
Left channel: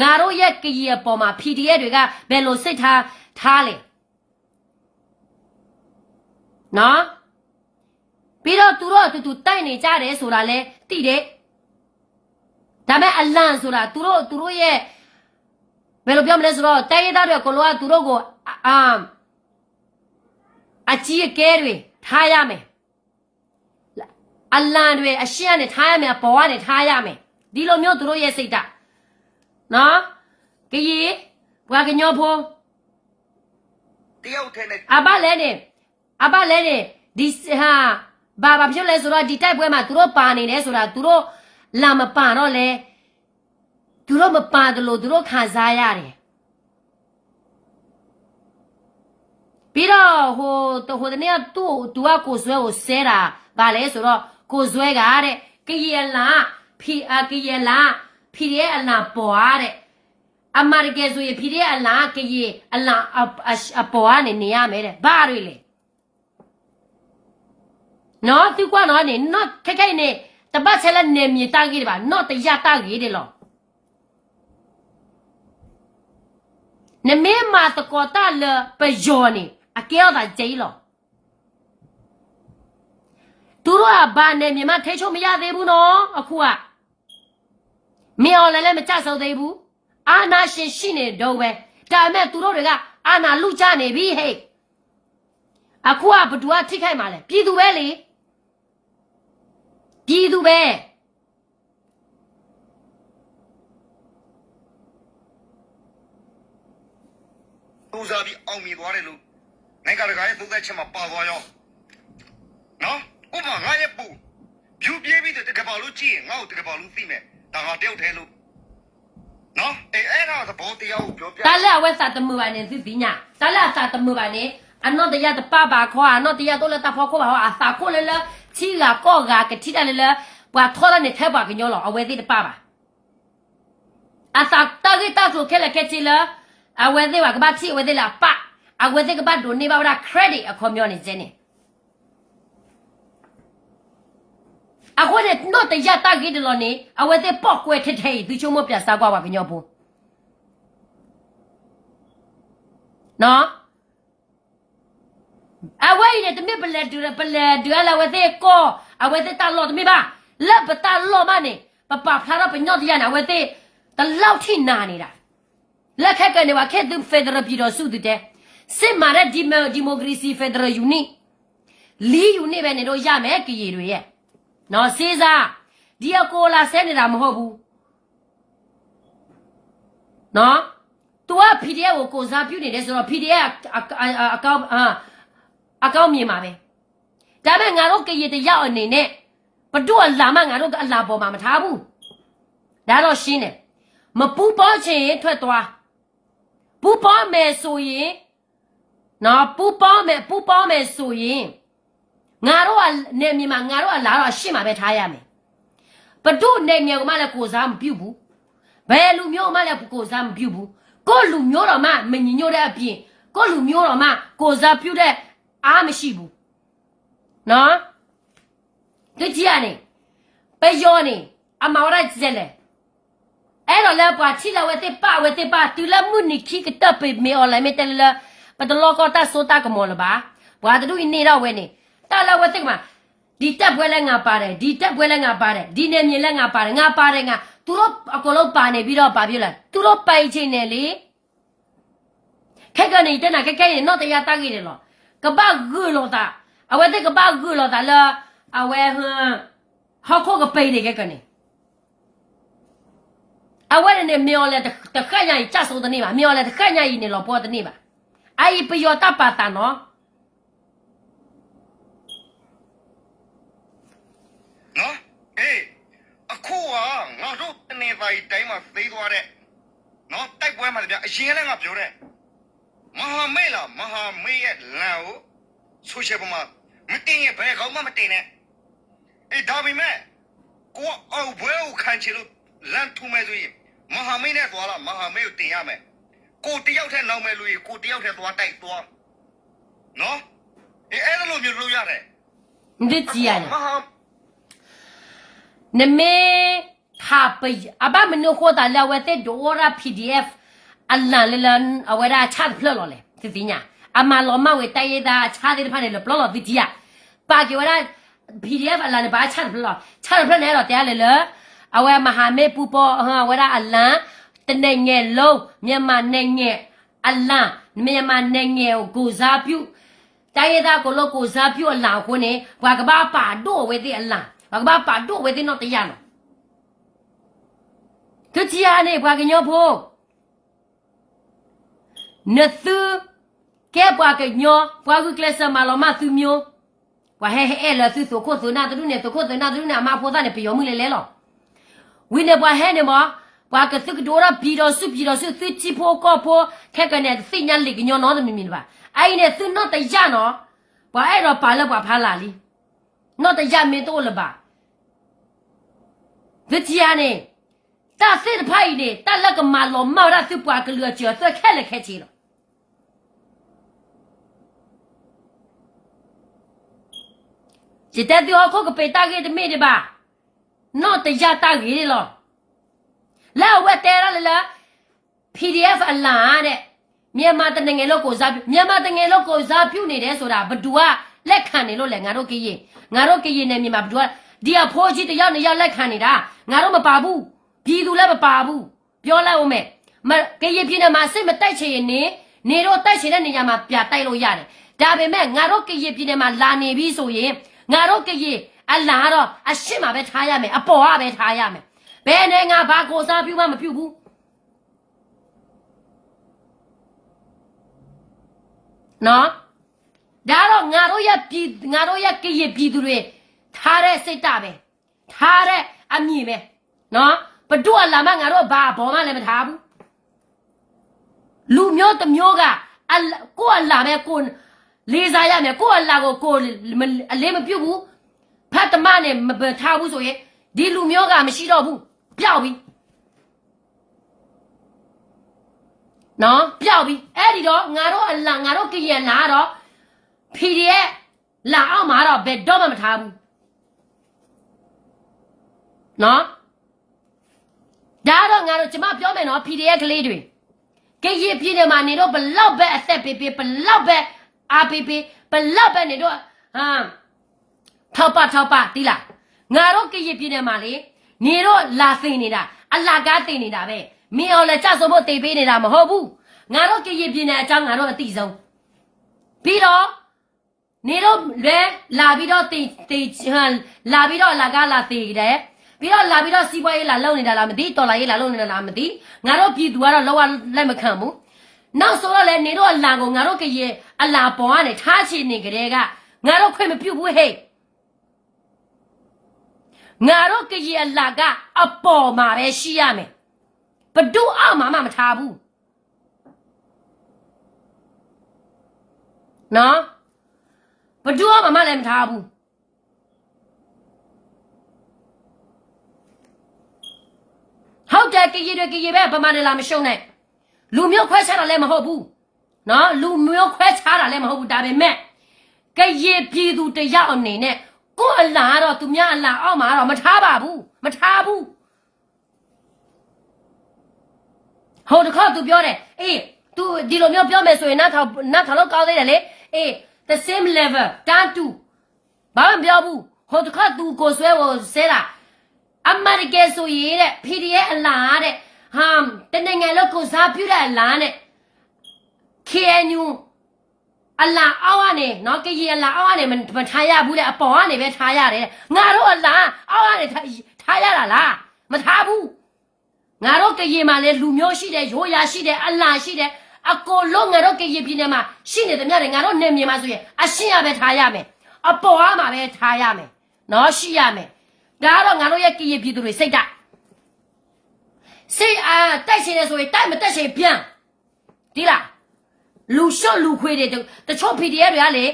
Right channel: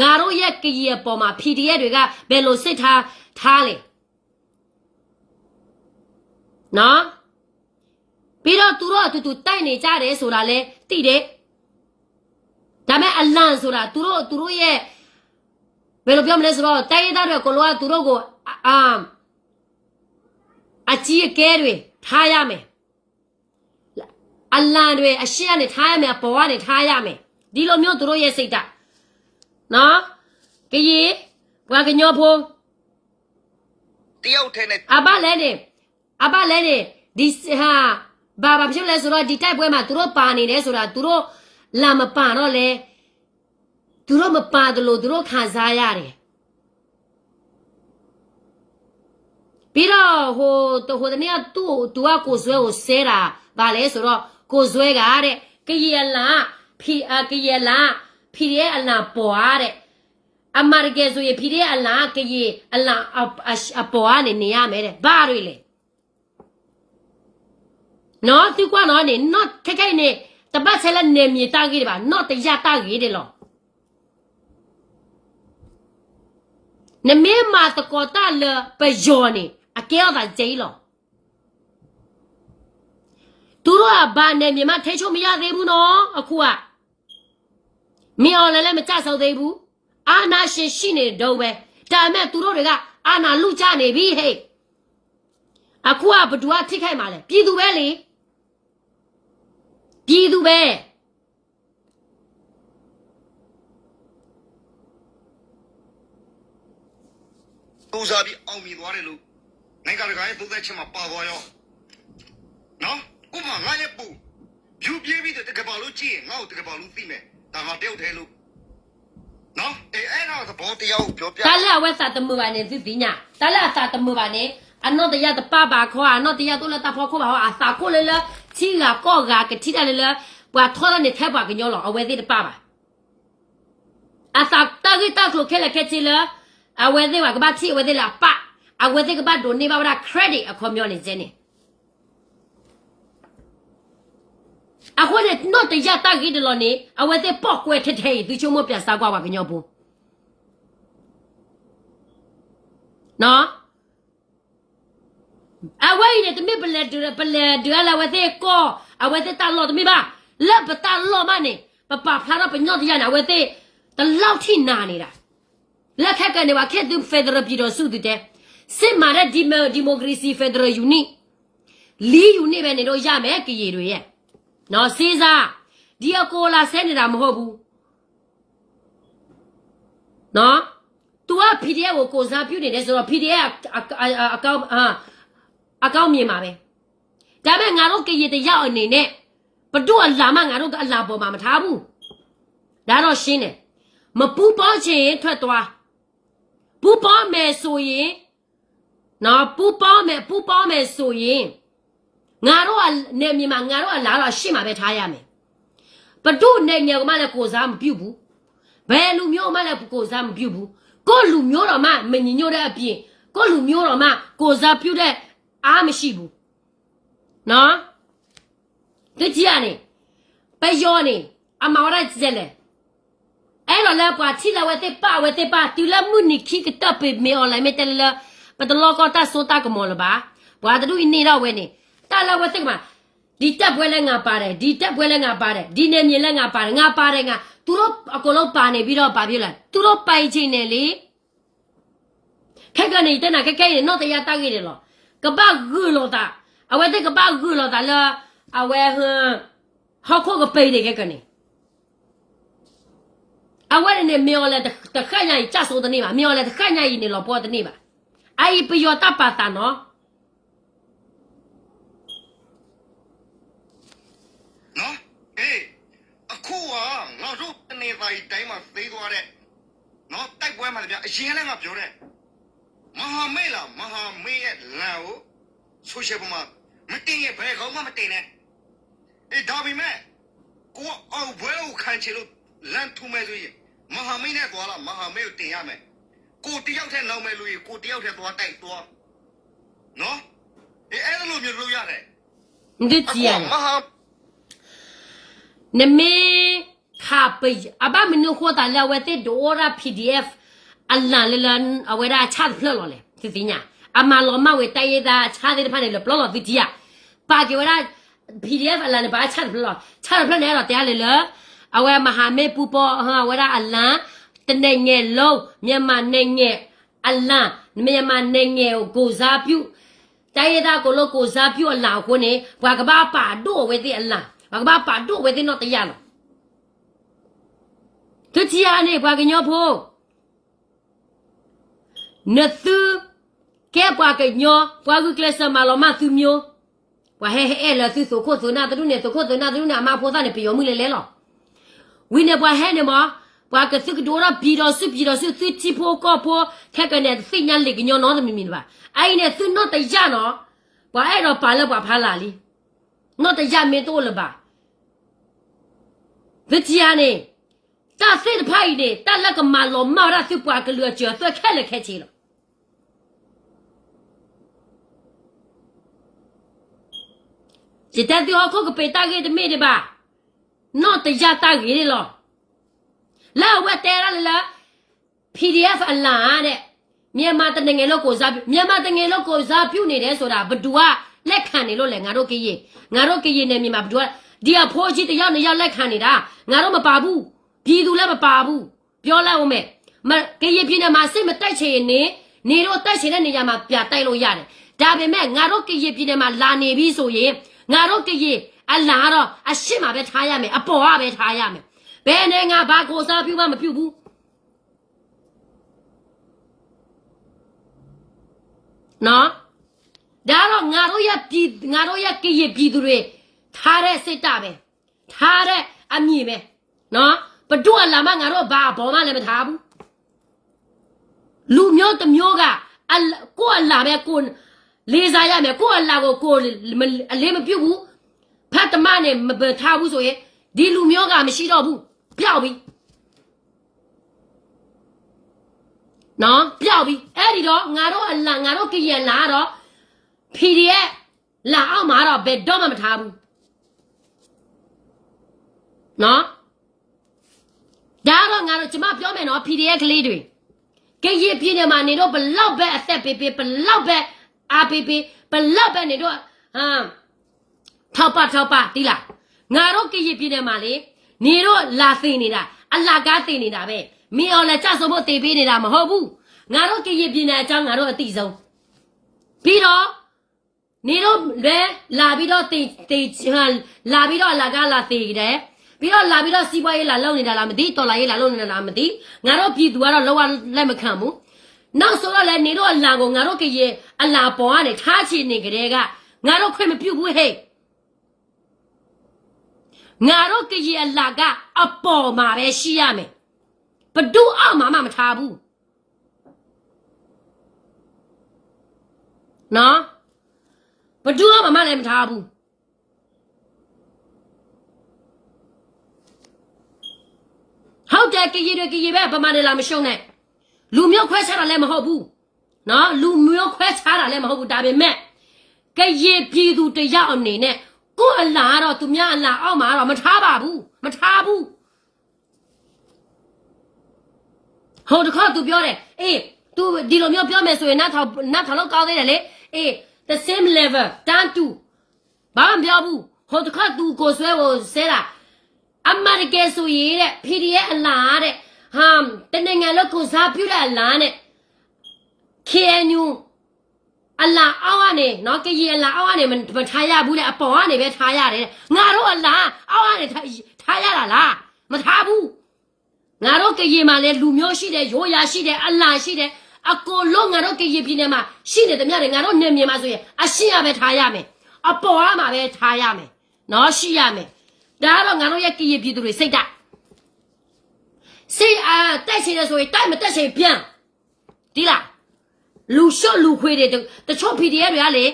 ငါတို့ရဲ့ကရေပေါ်မှာ PDF တွေကဘယ်လိုစိတ်ထားလဲနော်ပြီးတော့သူတို့အတူတူတိုက်နေကြတယ်ဆိုတာလဲသိတယ်ဒါပေမဲ့အလန့်ဆိုတာသူတို့ရဲ့ဘယ်လိုပြောမလဲဆိုတော့တိုက်ရတဲ့ကိုလောကသူတို့ကိုအကြီးအကဲတွေထားရမယ်အလန့်တွေအရှင်းနဲ့ထားရမယ်ပေါ်ကနေထားရမယ်ဒီလိုမျိုးသူတို့ရဲ့စိတ်ဓာတ်နော်ကကြီးဘွားကညောဖိုးတယောက်တည်းနဲ့အဘလဲနေဒီဟာဘာဖြစ်လဲဆိုတော့ဒီတိုက်ပွဲမှာသူတို့ပါနေတယ်ဆိုတာသူတို့လာမပါတော့လေသူတို့မပါတယ်လို့သူတို့ခံစားရတယ်ပြီးတော့ဟိုတနေ့ကသူကကိုဆွဲကိုဆဲတာဗာလဲဆိုတော့ကိုဆွဲကတဲ့ကရေလာကရေလာဖီရဲအလာပေါ်တဲ့အမရကယ်ဆိုရင်ဖီရဲအလာကရေအလာအပေါ်ကနေရမယ်တဲ့ဘာတွေလဲနော်သူကနော်နေနော်ခိုင်နေတပတ်ဆက်လက်နေမြေတာကြီးတယ်ပါနော်တရားတာကြီးတယ်လို့နမေမာတကောတာလပယောနေအကဲတာကျိလို့သူတို့ကဘာနေမြေမှာထိချုံမရသေးဘူးနော်အခုကမင်းအောင်လည်းမကြဆောက်သေးဘူးအာနာရှင်ရှိနေတော့ပဲဒါမဲ့သူတို့တွေကအာနာလူချနေပြီဟဲ့အခုကဘသူကထိခိုက်မှာလဲပြည်သူပဲလေပြည်သူပဲကြိုးစားပြီးအောင်မြင်သွားတယ်လို့နိုင်ငံတကာရဲ့သုံးသက်ချက်မှာပါသွားရောနော်ဥပမာငါရဲ့ပူဖြူပြေးပြီးတကဘာလို့ကြည့်ရင်ငါ့ကိုတကဘာလို့သိမယ်ဒါငါတယောက်တည်းလို့နော်အဲ့ဒါသဘောတရားကိုပြောပြတာလက်ဝက်စာတမှုပါနေသိသိညာတာလက်စာတမှုပါနေအနောတရတပပါခေါ်အနောတရတော့လက်တဖောခေါ်ပါအစာခေါ်လေလေချီလာကောကကတိတယ်လေဘွာထော်တဲ့ထဲပါကညောလောအဝဲသေးတပပါအစာတာဂီတာဆိုခဲလက်ခဲချီလာအဝဲသေးပါကဘာချီအဝဲသေးလာပအဝဲသေးကဘာဒိုနေပါဘာခရက်ဒစ်အခေါ်မျိုးနေစနေအခုနဲ့တော့တရားတာဂီတလို့နေအဝဲသေးပေါက်ကွဲထထဲဒီချုံမပြစားကွာပါကညောဘူးနော်အဝဲနေတမေပလက်ဒူလာဝဲသေးကောအဝဲသေးတာလို့တမေပါလက်ပတာလို့မနေပပဖလာတော့ပညောတရားနာဝဲသေးတလောက်ထိနာနေတာလက်ခက်ကနေဝါခက်သူဖက်ဒရယ်ပြည်တော်စုတဲ့စစ်မှန်တဲ့ဒီမိုကရေစီဖက်ဒရယ်ယူနစ်လီယူနစ်ပဲနေတော့ရမယ်ကရေတွေရဲ့နော်စေးစားဒီအကိုလာဆဲနေတာမဟုတ်ဘူးနော်သူက PDF ကိုစားပြုနေတယ်ဆိုတော့ PDF အကောင့်မြင်ပါပဲဒါပေမဲ့ငါတို့ကရေတရောက်အနေနဲ့ဘတို့အလာမငါတို့ကအလာပေါ်မှာမထားဘူး ဒါတော့ရှင်းတယ်မပူပေါချင်ရင်ထွက်သွားပူပေါမယ်ဆိုရင်နော်ပူပေါမယ်ဆိုရင်ငါတို့ကနေမြေမှာငါတို့ကလာတော့ရှင်းမှာပဲထားရမယ်ဘဒုနေမြေကမှလည်းကိုစားမပြုတ်ဘူးဘယ်လူမျိုးမှလည်းကိုစားမပြုတ်ဘူးကိုလူမျိုးတော်မှမညညို့တဲ့အပြင်ကိုလူမျိုးတော်မှကိုစားပြုတ်တဲ့အားမရှိဘူးနော်ဒီကြီးကနေပဲယောနေအမောရကျဲလေအဲ့တော့လည်းပွားချီလာဝဲတဲ့ပါတီလာမှုနိခိကတပ်ပေမေအွန်လိုင်းမေတယ်လာပတလောကတာဆိုတာကမောလပါဘွာတူနေတော့ဝဲနေတာလာဝဲတဲ့မှာဒီတက်ပွဲလဲငါပါတယ်ဒီတက်ပွဲလဲငါပါတယ်ဒီနေမြေလဲငါပါတယ်ငါပါတယ်ငါသူတို့အကုန်လုံးပါနေပြီးတော့ပါပြလိုက်သူတို့ပိုင်ချင်းနေလေခက်ကနေတနာခက်ခဲနေတော့တရားတားကြီးတယ်လို့ကပဂူလို့တာအဝဲတဲ့ကပဂူလို့တာလာအဝဲဟဟောက်ခိုကပိနေခက်ကနေအဝဲနဲ့မြော်လဲတခက်ညာကြီးကြဆိုတဲ့နေ့ပါမြော်လဲတခက်ညာကြီးနေလို့ပေါ်တဲ့နေ့ပါအိပယောတပါတာနော်နော်အေးအခုကငါတို့တနေပါးတိုင်းမှာသိသွားတဲ့နော်တိုက်ပွဲမှာတပြအရင်လည်းငါပြောတဲ့မဟာမေလားမဟာမေရဲ့လမ်းကိုဆိုရှယ်ပေါ်မှာမတင်ရဘယ်ကောင်မှမတင်နဲ့အေးဒါပေမဲ့ကိုအောက်ဘွဲကိုခံချင်လို့လမ်းထူမဲ့ဆိုရင်မဟာမေနဲ့သွားလားမဟာမေကိုတင်ရမယ်ကိုတယောက်ထဲနောက်မဲ့လို့ရင်ကိုတယောက်ထဲသွားတိုက်သွားနော်အေးအဲ့လိုမျိုးလုပ်ရတယ် ဒီကြီးရတယ် မဟာ နမေခါပိအဘမနုခေါ်တာလာဝဲတဲ့ဒေါ်ရာ PDF အလန်လန်အဝဲရာချတ်ဖလော်လေဒီတင်ညာအမလောမဝဲတိုင်ရတာချားတဲ့ဖားနေလို့ပလော်ဒီကြီးပါကြဝဲရာ PDF အလန်ဘာချတ်ဖလော်ချတ်ဖလော်နေတော့တရားလေလေအဝဲမဟာမေပူပေါ်ဟာဝဲရာအလန်တနေငယ်လုံးမြန်မာနိုင်ငံအလန်မြန်မာနိုင်ငံကိုစားပြုတိုင်ရတာကိုလို့ကိုစားပြုအလောင်ခွနေဘာကဘာပါတော့ဝဲတဲ့အလန်ဘာကဘာပါတော့ဝဲတဲ့တော့တရားနော်သူချီရနေဘာကညောဖို့နသူကဲဘာကညောဘာကကလစမလောမသူမျိုးဘာဟဲဟဲလာသူဆိုခို့သူနာတူနေသူခို့သူနာတူနာမဖို့သားနေပြောမှုလေလေလောဝိနေဘာဟဲနေမဘာကသူကဒိုရာပြီးတော့စုသူချီဖို့ကောဖို့ခက်ကနေစိညာလေကညောနော်သမီမီပါအိုင်နေသူတော့တရားနော်ဘာအဲ့တော့ပါလောက်ပါဖားလာလီနော်တရားမင်းတို့လပါဗချီယာနေတာစစ်ဖိုင်နေတာလက်ကမလောမောရစုပွားကလွကျော်သွက်ခက်လက်ခက်ချီလောจิตตะโคกเปตาเกตเมดิบาနော်တရားတာကြီးလောလာဝတ်တဲရလ PDF အလာတဲ့မြန်မာတငယ်လို့ကိုစားပြုမြန်မာတငယ်လို့ကိုစားပြုနေတယ်ဆိုတာဘဒူကလက်ခံနေလို့လေငါတို့ကရင်နဲ့မြန်မာဘဒူကဒီအဖိုးကြီးတရားနေရလက်ခံနေတာငါတို့မပါဘူးပြည်သူလည်းမပါဘူးပြောလိုက်အောင်မဲ့ကရင်ပြည်နယ်မှာစိတ်မတိုက်ချင်ရင်နေတော့တိုက်ချင်တဲ့နေရာမှာပြတိုက်လို့ရတယ်ဒါပေမဲ့ငါတို့ကရင်ပြည်နယ်မှာလာနေပြီဆိုရင်ငါတို့ကရင်အလားတော့အရှင်းမှာပဲထားရမယ်အပေါ်ကပဲထားရမယ်ဘယ်နဲ့ငါဘာကိုစားပြုမှမပြုဘူးနော်ဒါတော့ငါတို့ရဲ့ကရင်ပြည်သူတွေထားတဲ့စိတ်တပဲထားတဲ့အမြင်ပဲနော်ဘဒုအလာမငါတို့ဘာဘောမှလည်းမထားဘူးလူမျိုးတစ်မျိုးကကိုအလာပဲကိုလေးစားရမယ်ကိုအလာကိုအလေးမပြုတ်ဘူးဖတ်တမနဲ့မထားဘူးဆိုရင်ဒီလူမျိုးကမရှိတော့ဘူးပျောက်ပြီနော်ပျောက်ပြီအဲ့ဒီတော့ငါတို့အလာငါတို့ကရင်လာတော့ PDF လာအောင်မှာတော့ဘယ်တော့မှမထားဘူးနော်ဒါတော့ငါတို့ကျမပြောမယ်နော် PDF ကလေးတွေကရင်ပြည်နယ်မှာနေတော့ဘလောက်ပဲအသက်ပေးဘလောက်ပဲအားပေးဘလောက်ပဲနေတော့ထောက်ပါတိလားငါတို့ကရင်ပြည်နယ်မှာလေနေတော့လာသိနေတာအလာကားသိနေတာပဲမင်းအောင်လည်းကြဆုံဖို့သိပေးနေတာမဟုတ်ဘူးငါတို့ကရင်ပြည်နယ်အကြောင်းငါတို့အသိဆုံးပြီးတော့နေတော့လဲလာပြီးတော့လာပြီးတော့အလာကားလာသိတယ်ပြီးတော့လာပြီးတော့စီးပွားရေးလာလုပ်နေတာလားမသိတော်လာရေးလာလုပ်နေတာလားမသိငါတို့ပြည်သူကတော့လောကလက်မခံဘူးနောက်ဆိုတော့လေနေတော့အလာကိုငါတို့ကရင်အလာပေါ်ကနေထားချင်နေကြတဲ့ကငါတို့ခွင့်မပြုတ်ဘူးဟဲ့ ငါတို့ကကြီးအလာကအပေါ်မှာပဲရှိရမယ်ဘဒုအောက်မှာမထားဘူးနော်ဘဒုအောက်မှာလည်းမထားဘူးဟုတ်တယ်ကကြီးပဲဗမာနေလာမရှုံးနဲ့လူမျိုးခွဲခြားတာလည်းမဟုတ်ဘူးနော်လူမျိုးခွဲခြားတာလည်းမဟုတ်ဘူးဒါပေမဲ့ကကြီးပြည်သူတယောက်အနေနဲ့ကိုယ်အလားတော့သူများအလားအောက်မှာတော့မထားပါဘူးမထားဘူးဟိုတခေါက်သူပြောတယ်အေး तू ဒီလိုမျိုးပြောမယ်ဆိုရင်နားထောင်လို့ကောင်းသေးတယ်လေအေး the same level down to ဘာမှမပြောဘူးဟိုတခေါက် तू ကိုဆွဲကိုဆဲတာအမေရိကန်ဆိုရင်တဲ့ PDF အလားတဲ့ဟာတနိုင်ငံလုံးကိုစားပြုတဲ့အလားနဲ့ KNU အလားအောက်ကနေနော်ကကြီးအလားအောက်ကနေမထားရဘူးတဲ့အပေါ်ကနေပဲထားရတယ်ငါတို့အလားအောက်ကနေထားရတာလားမထားဘူးငါတို့ကကြီးမှာလည်းလူမျိုးရှိတယ်ရိုးရာရှိတယ်အလားရှိတယ်အကိုလုံးငါတို့ကကြီးပြည်နယ်မှာရှိနေတယ်မြတ်တယ်ငါတို့နေမြေမှာဆိုရင်အရှင်းရပဲထားရမယ်အပေါ်မှာပဲထားရမယ်နော်ရှိရမယ်ဒါကတော့ငါတို့ရဲ့ကကြီးပြည်သူတွေစိတ်ဓာတ်စိတ်တိုက်စင်ရဆိုရင်တိုက်မတက်စင်ပြန်ဒီလားလူရှော့လူခွေးတွေတချို့ PDF တွေကလေ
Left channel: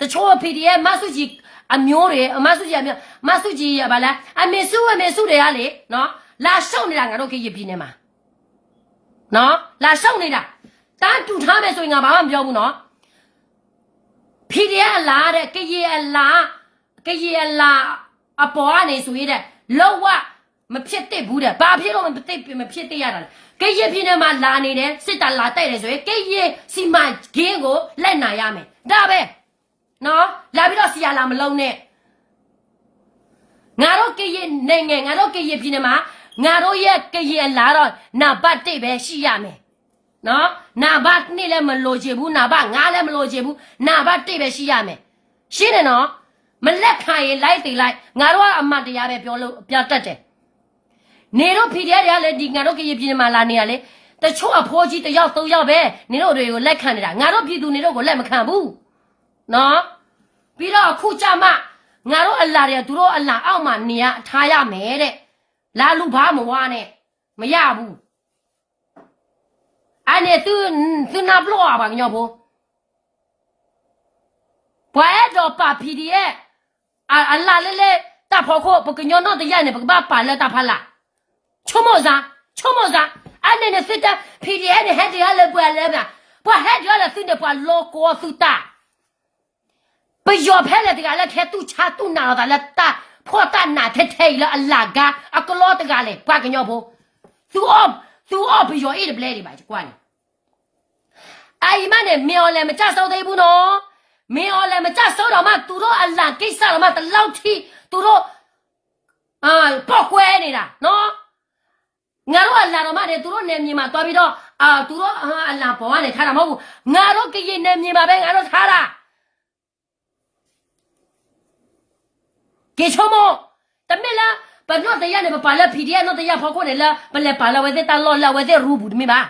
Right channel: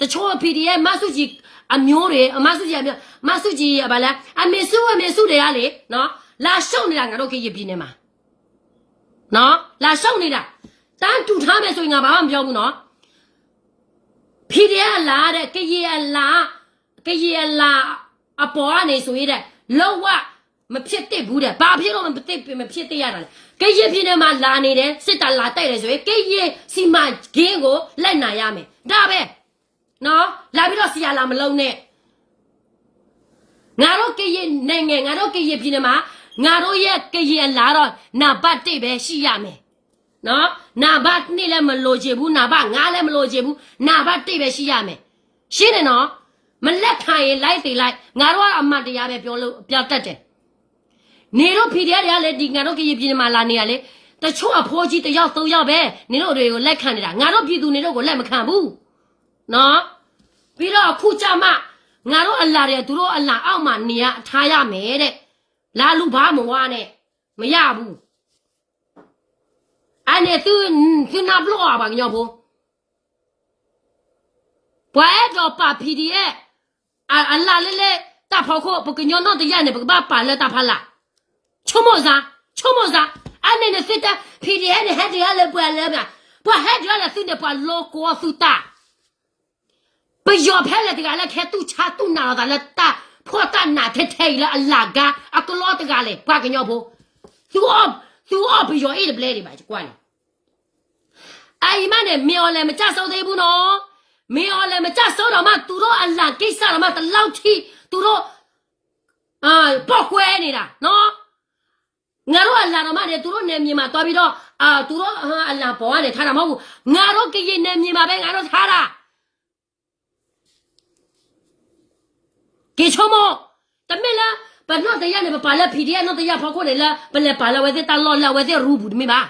တချို့ PDF မဆုကြီးအမျိုးတွေမဆုကြီးအမျိုးမဆုကြီးဗလားအမေစုတွေကလေနော်လာရှော့နေတာငါတို့ခေတ်ပြည်နေမှာနော်လာရှော့နေတာတန်းတူထားမယ်ဆိုရင်ငါဘာမှမပြောဘူးနော် PDF လာတဲ့ကကြီးအလားအပေါ်ကနေဆိုရတဲ့လောဝမဖြစ်သင့်ဘူးတဲ့ဘာဖြစ်လို့မဖြစ်သင့်ရတာလဲကကြီးပြည်နယ်မှာလာနေတယ်စစ်တပ်လာတိုက်တယ်ဆိုရင်ကကြီးစီမဂင်းကိုလက်နိုင်ရမယ်ဒါပဲနော်လာပြီးတော့စီရလာမလုံးနဲ့ငါတို့ကကြီးနိုင်ငံငါတို့ကကြီးပြည်နယ်မှာငါတို့ရဲ့ကကြီးလာတော့နာဘတ်တိတ်ပဲရှိရမယ်နော်နာဘတ်နေ့လည်းမလို့ချေဘူးနာဘတ်ငါလည်းမလို့ချေဘူးနာဘတ်တိတ်ပဲရှိရမယ်ရှင်းတယ်နော်မလက်ခံရင်လိုက်သေးလိုက်ငါတို့ကအမှန်တရားပဲပြောတတ်တယ်နေတို့ PDF တွေကလည်းဒီငါတို့ကကြီးပြည်မှာလာနေရလေတချို့အဖိုးကြီးတယောက်သုံးယောက်ပဲနေတို့တွေကိုလက်ခံနေတာငါတို့ပြည်သူနေတို့ကိုလက်မခံဘူးနော်ပြီးတော့အခုကြမှာငါတို့အလာတွေကသူတို့အလာအောက်မှာနေရထားရမယ်တဲ့လာလူဘာမဝါနဲ့မရဘူးအဲ့နဲ့သူနာဘလောပါညောဖို့ဘွဲတော့ပါ PDF အလာလေတဖို့ကိုပကညောတော့တရားနေပကပါလက်တဖလာချုံမစားအဲ့နဲ့စစ်တာ PDF နဲ့ဟက်တရားလည်းပွာလဲဗျာပွာဟက်တရားလည်းစစ်တယ်ပွာလောကိုစုတာပယောဖဲလေတကလည်းခဲသူချာသူနာတာလက်တာဖောတာနာထဲလေအလာကအကလောတကလည်းပွာကညောဖို့သူအောပယောအေးပလဲတွေပါကွာလေအိမ်မနဲ့မြေော်လည်းမကြဆောက်သေးဘူးနော်မြေော်လည်းမကြဆောက်တော့မှသူတို့အလာကိစ္စတော့မှတလောက်ထိသူတို့ပေါက်ခွဲနေတာနော်ငါတို့အလာတော့မှလည်းသူတို့နေမြေမှာသွားပြီးတော့သူတို့အလာပေါ်ကနေထားတာမဟုတ်ဘူးငါတို့ကရင်နေမြေမှာပဲငါတို့ထားတာကေချုံမတမင်လားဘာလို့တရားနေပါလဲ PDF တော့တရားဖောက်ခွနေလားဘယ်လဲပါလဲဝဲတဲ့တလောလာဝဲတဲ့ရူဘူးဒီမှာ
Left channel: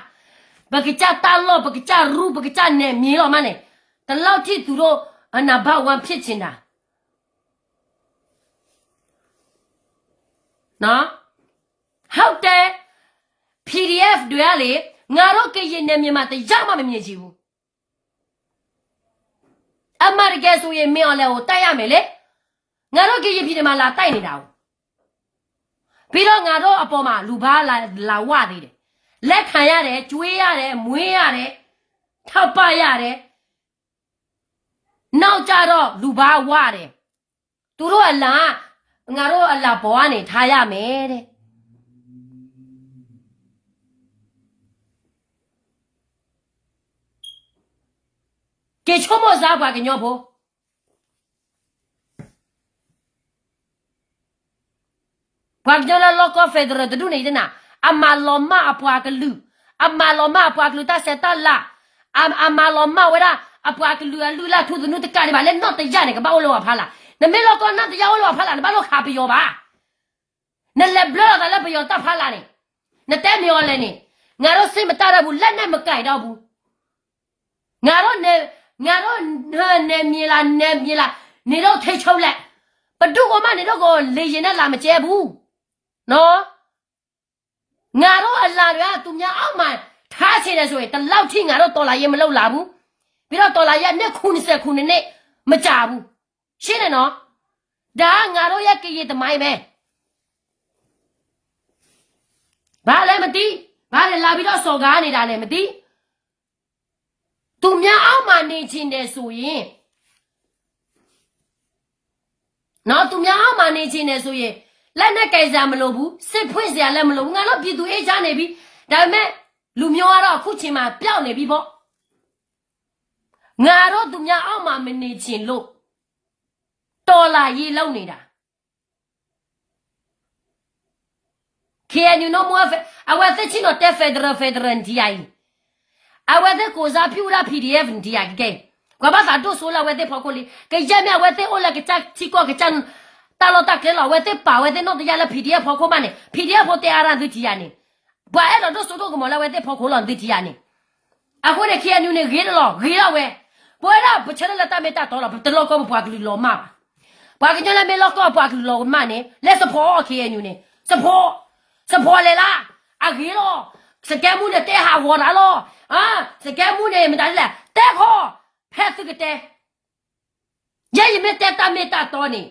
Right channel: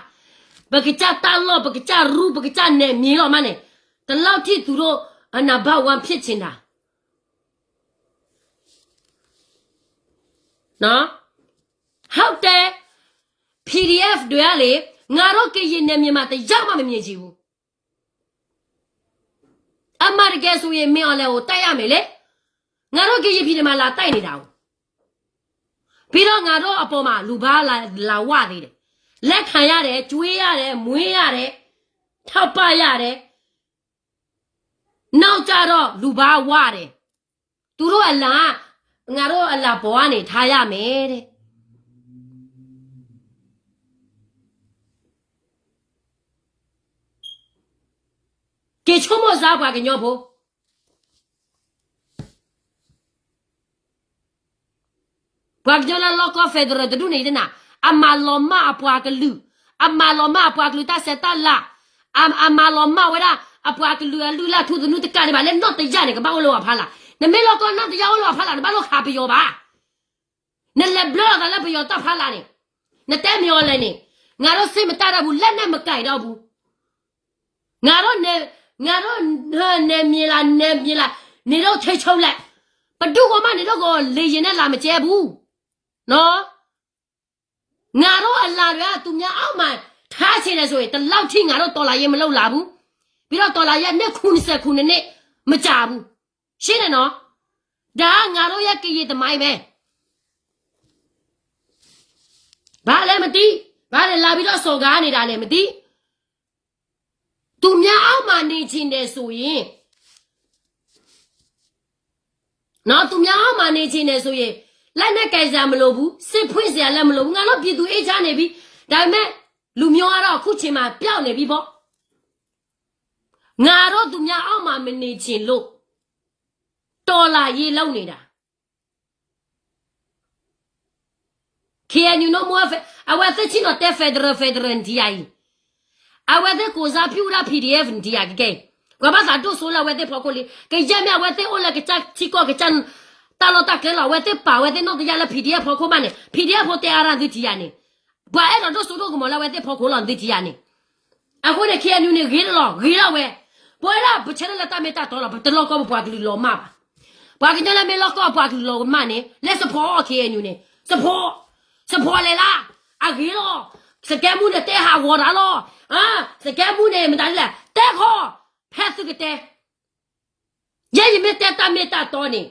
ဘကကြတလောဘကကြရူဘကကြနေမြေတော့မှနေတလောက်ထိသူတို့အနာဘဝံဖြစ်ချင်တာနော်ဟုတ်တယ် PDF တွေကလေငါတို့ကရင်နေမြန်မာတရားမှမမြင်ချင်ဘူးအမေရိကန်ဆိုရင်မင်းအောင်လဲကိုတိုက်ရမယ်လေငါတို့ကရင်ပြည်မှာလာတိုက်နေတာပြီးတော့ငါတို့အပေါ်မှာလူဘာလာဝသေးတယ်လက်ခံရတယ်ကျွေးရတယ်မွေးရတယ်ထောက်ပရတယ်နောက်ကြတော့လူဘာဝတယ်သူတို့အလားငါတို့အလားဘောကနေထားရမယ်တဲ့ကေချုံမစားပါကညောဖို့ဘာကြလာလောကဖက်ဒရယ်တူနေတယ်နာအမလောမအပွားကလူတာစက်တလာအမလောမဝရအပွားကလူလာသူနုတကနေပါလေတော့တရားနေကဘာလို့ဖားလာနမေလောကနတရားလို့ဖားလာဘာလို့ခါပြောပါနလက်ဘလောကလည်းပြောတဖားလာနေနတဲမျောလဲနေငါတို့စိတ်မတရဘူးလက်နဲ့မကြိုက်တော့ဘူးငါတို့နေမြေလာနေတော့ထိချုံလိုက် ဘဒုကမှနေတော့ကိုလေရင်နဲ့လာမကျဲဘူးနော်ငါတို့အလာကသူများအောက်မှာထားချင်တယ်ဆိုရင်တလောက်ထိငါတို့တော်လာရင်မလောက်လာဘူးပြီးတော့တော်လာရဲ့နဲ့90ခုနဲ့မကြဘူးရှင်းတယ်နော်ဒါငါတို့ရဲ့ကြည်သမိုင်းပဲဘာလဲမသိဘာလဲလာပြီးတော့စော်ကားနေတာလဲမသိသူများအောက်မှာနေချင်တယ်ဆိုရင်နော်သူများအောက်မှာနေချင်တယ်ဆိုရင်လက်နဲ့ကြိုင်စားမလို့ဘူးစစ်ဖွင့်စရာလည်းမလိုဘူးငါတို့ပြည်သူအေးချမ်းနေပြီဒါပေမဲ့လူမျိုးကတော့အခုချိန်မှာပျောက်နေပြီပေါ့ငါတို့သူများအောက်မှာမနေချင်လို့တော်လာရေးလုံးနေတာ KNU no more awathe chino te federal ndiai awathe koza piura PDF ndiai ke kwa ba do so la awathe phokoli ke yame awathe ola ke chak chiko ke chan talo ta ke la awathe pa awathe no ya la PDF phoko mane PDF ho te ara ndi ya ni ba e do so do ko mo la awathe phoko lo ndi ya ni ako ne KNU ne ge lo we bo la bu chela la ta me ta to lo to lo ko bwa ki lo ma ba ke la me lo ko bwa ki lo ma ne le support KNU ne support สปอร์เลยล่ะอากีโลสแกมูเนี่ยเตะหาหัวดาโลสแกมูเนี่ยมันได้แหละเตะคอแพ้สุดเตะยังไม่เตะตามเมตาตัวนี่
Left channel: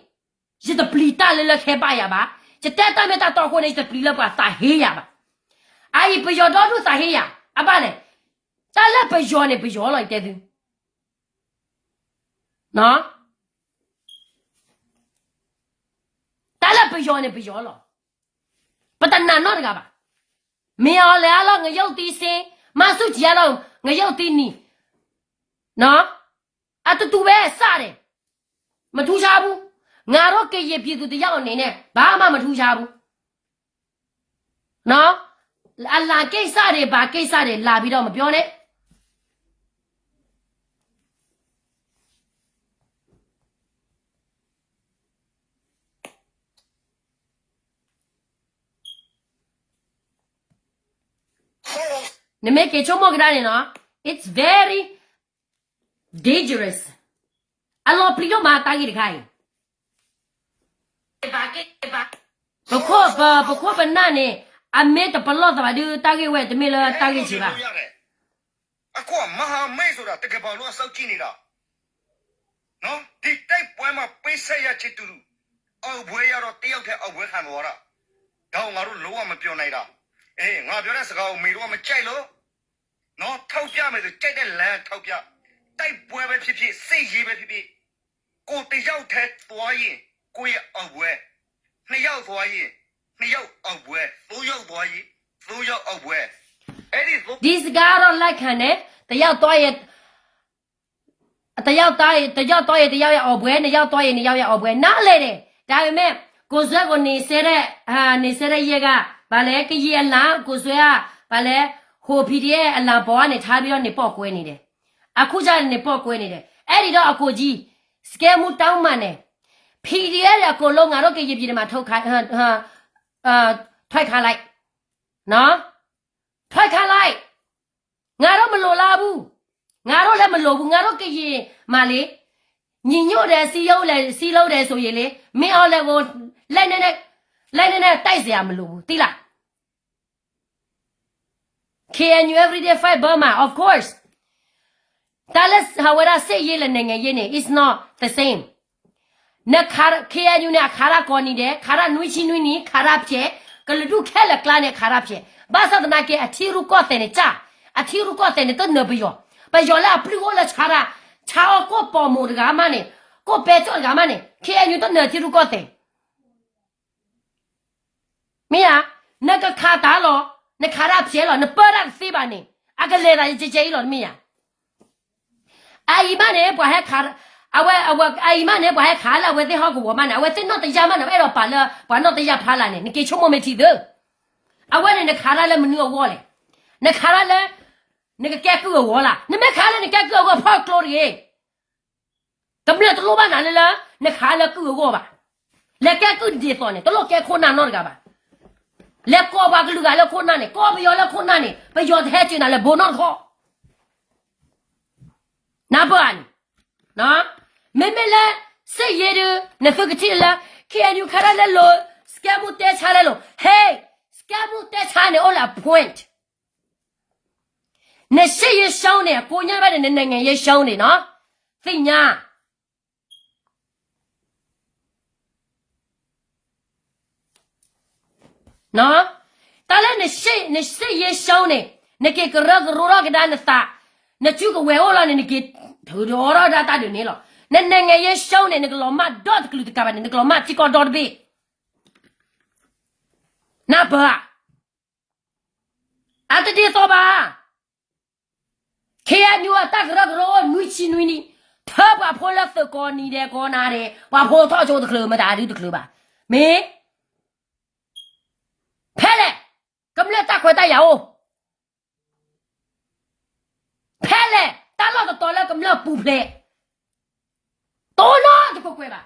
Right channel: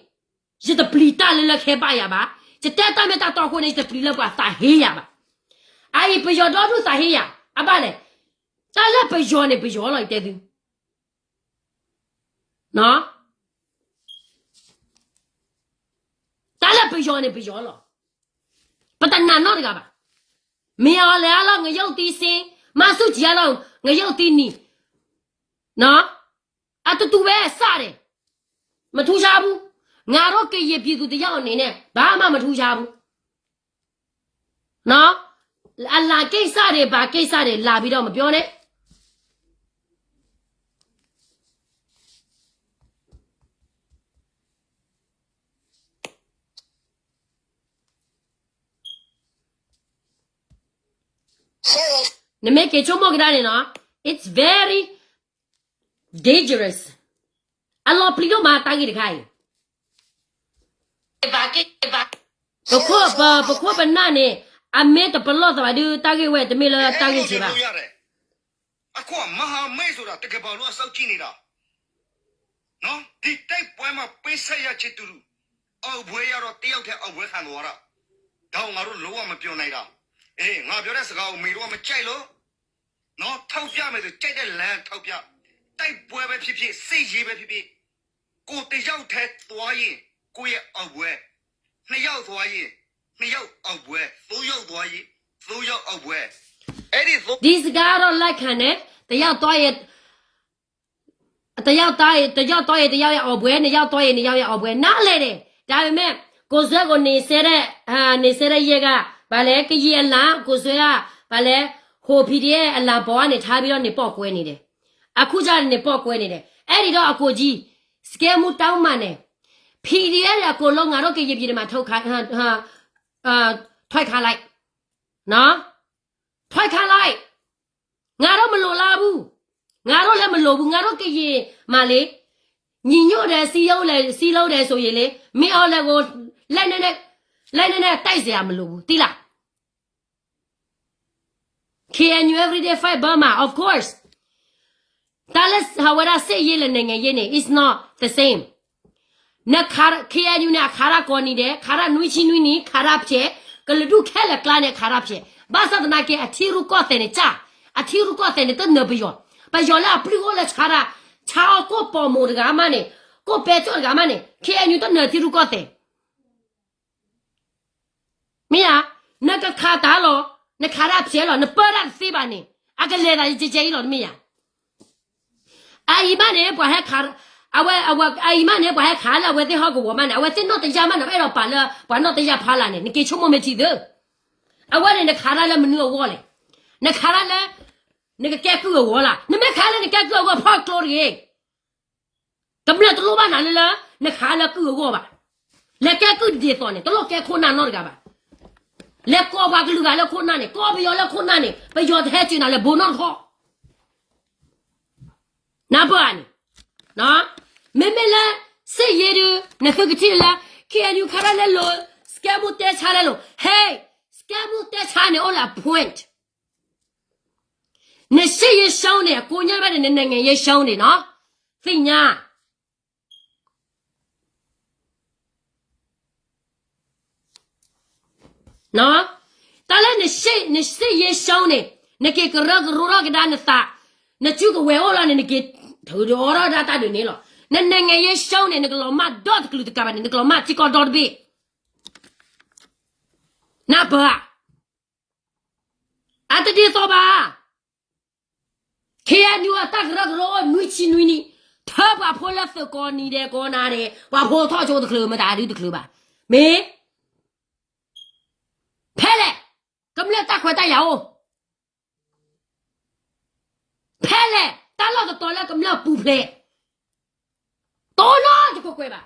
จะตะปลีตาเลยละแค่ไปอ่ะบ้าจะเตะตามเมตาตัวคนนี้จะปลีละบ้าตาเฮียบ้าไอ้ไปยอดดูตาเฮียอ่ะบ้าเลยตาเล่ไปยอเนี่ยไปยอเลยเตะดูเนาะตาเล่ไปยอเนี่ยไปยอเลยปะตันนานอดกะบะมีเอาแล้วล่ะงะยกตีซิมาสุจิแล้วงะยกตีนี่เนาะอะตูเว้ซะเด้မထူးခြားဘူးငါတို့ကရပြည်သူတယောက်အနေနဲ့ဘာမှမထူးခြားဘူးနော်အလာကိစ္စတွေဘာကိစ္စတွေလာပြီးတော့မပြောနဲ့နမေကေချုံမောကဒါနေနော် it's very dangerous အလောပလီယောမာတာကြီးတခိုင်ဘခွဘနာနေအမေတဘလော့သဘာဒီတာကြီးဝဲတမေလာတာကြီးစီပါအခုမဟာမဲဆိုတာတကယ်ပါလို့စောက်ကြည့်နေတာနော်ဒီတိုက်ပွဲမှာပေးဆက်ရချစ်တူအောက်ဘွဲရတော့တယောက်တည်းအောက်ဘွဲခံသွားတာတော့ငါတို့လုံးဝမပြောနိုင်တာအေးငါပြောတဲ့စကားကိုမေတို့ကမကြိုက်လို့နော်ထောက်ပြမယ်ဆိုကြိုက်တဲ့လမ်းထောက်ပြတိုက်ပွဲပဲဖြစ်ဖြစ်စိတ်ရေးပဲဖြစ်ဖြစ်ကိုတယောက်တည်းသွားရင်ကိုရဲ့အောက်ဘွဲနှစ်ယောက်သွားရင်နှစ်ယောက်အောက်ဘွဲသုံးယောက်သွားရင်သုံးယောက်အောက်ဘွဲအဲ့ဒီဒီစကားတော့လက်ခံတယ်တယောက်သွားရင်တယောက်သားရင်တယောက်သွားရင်တယောက်ရဲ့အောက်ဘွဲနှစ်ယောက်သွားရင်နှစ်ယောက်ရဲ့အောက်ဘွဲနားလေတယ်ဒါပေမဲ့ကိုဆွဲကိုနေဆဲတဲ့နေဆဲတဲ့ရက်ကဘာလဲကကြီးအလားကိုဆွဲကဘာလဲဟို PDF အလားပေါ်ကနေထားပြီးတော့နေပေါ့ကွဲနေတယ်အခုကျနေပေါ့ကွဲနေတယ်အဲ့ဒီတော့အကိုကြီးစကဲမှုတောင်းမှန်တယ် PDF ရကိုလုံးငါတို့ကကြီးပြည်မှာထုတ်ခိုင်းထွက်ခါလိုက်နော်ထွက်ခါလိုက်ငါတို့မလိုလားဘူးငါတို့လည်းမလိုဘူးငါတို့ကကြီးမလေးညီညွတ်တယ်စီးရုံးတယ်စီးလုံးတယ်ဆိုရင်လေမင်းအောင်လည်းကိုလိုက်နေတိုက်เสียမလိုဘူးတိလား KNU everyday fight Burma of course that is how what I say yele nenge yene is not the same နခါ KNU နဲ့ခါရကောနေတယ်ခါရနွိချီနွိနီခါရဖြစ်ကလဒုခဲလကလာနဲ့ခါရဖြစ်ဘာသာတနာကေအထီရုကောတဲ့နေချအထီရုကောတဲ့နေတော့နဘယောဘယောလာပလီကိုလာချာရာချာကိုပေါ်မိုဒဂါမနဲ့ကိုပဲချောဂါမနဲ့ KNU တော့နထီရုကောတဲ့မင်းနကခါတာလောနခါရဖြစ်လောနပရတ်စီပါနေအကလေတာကြဲလောမင်းအာယီမနဲ့ဘွားဟက်ခါအဝဲအာယီမနဲ့ဘွားဟက်ခါလာဝဲတဲ့ဟောကိုဝမနဲ့အဝဲတဲ့တော့တရားမနဲ့အဲ့တော့ပါလာဘာတော့တရားဖားလာနေနကေချုံမမတီတယ်အဝဲနဲ့ခါလာလည်းမနူဝေါ်လေနခါလာလည်းနကကဲကူဝေါ်လာနမခါလာနကဲကူဝေါ်ဖောက်ကလိုရီတမလက်တလို့ပါနာလေလားနခါလာကူဝေါ်ပါလက်ကဲကူဒီဖော်နေတလို့ကဲခိုးနာတော့ကြပါလက်ကောပါကလူကလည်းခိုးနာနေကောပယောလည်းခိုးနာနေပယောတဲ့ချင်တာလည်းဘုံတော့ခေါ်နာပန်နော်မမေလဲ say ye ne fukitilla can you caralelo scamu te charelo hey scamu te chane all a point ne say ye show ne ko nya ba ne ne ye show ne no think nya no tala ne say ye show ne ke ro ke dan sa ne chu ko we ola ne ke tho do ro da ta de ne lo ne ye show ne ke lo ma dot klu ka ba ne ke lo ma ti ko dot bi na ba ata di so ba ke ya nyu ta ro nui chi nui ni tha ba pho la so ko ni de ko na de ba pho tho chu de klu ma da di de klu ba me pele kam le ta khwa ta ya o pele ta lo to la kam le pu phle to no de ko kwe ba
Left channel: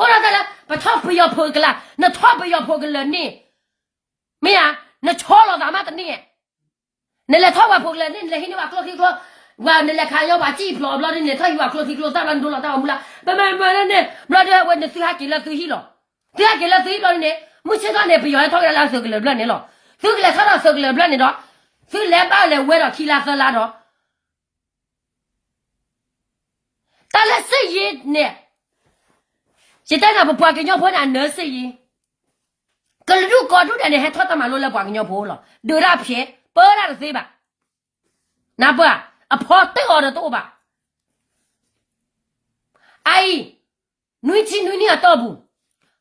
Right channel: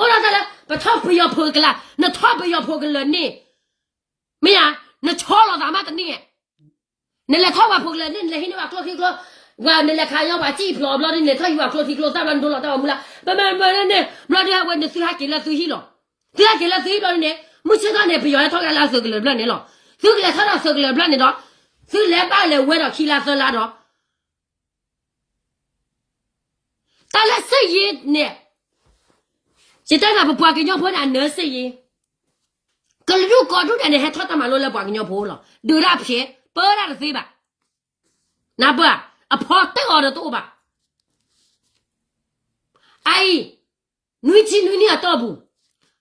o la ta la ba tho pu yo pho ka la na tho pu yo pho ka le ni me ya na cho lo da ma ta ni ne le tho ba pho ka le ni le hi ni ba klo ki klo wa ne le kha yo ba ji phlo blo ni ne tho yu ba klo ki klo ta lan do lo ta mu la ba ne blo de wa ne si ha ki la su hi lo si ha ki la su hi lo ne mu chi da ne pu yo la tho ya la so ka le blo ni lo su ka le tho la so ka le blo ni do su le ba le we do ki la so la do ta la se ye ne chỉ tay nào bùa cái nhau phố là nỡ gì cái lúc có lúc này hết thoát tao mà luôn là bùa cái nhau phố rồi đưa ra phía bơ ra được gì bà nè bùa à phò tay ở đó tụ bà ai nuôi chi nuôi nè tao bù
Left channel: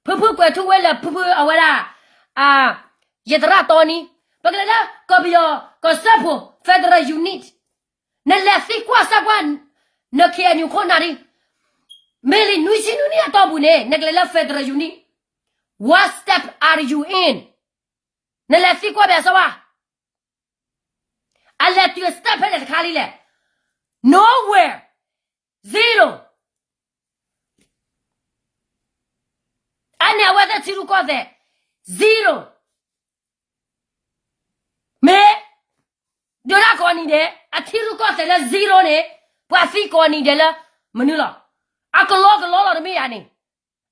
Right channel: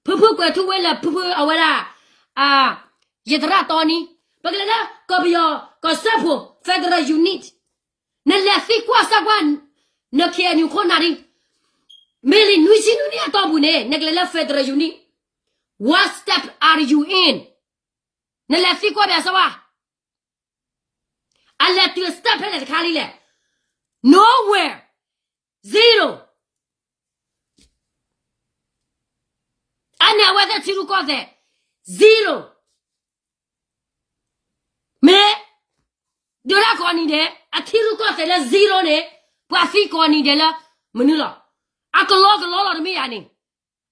phư quẹt thu quẹt là phư ở ngoài là à giờ ra tao ní bây giờ đó có bây giờ có sắp phù federal unit nên là gì qua sao quan nó kia nhiều con nào đi Meli nuisi nunia tabune neglela federal unit. What step are you in? Nela fi kwa besa wa. I let you step hele khali le. Nowhere. Zero. Anya whether tiru ko de. Zero. Me dora ko ni de athiru ko de la zero ne. Wa fi ko ni de la manula. A ko lo de me ya ni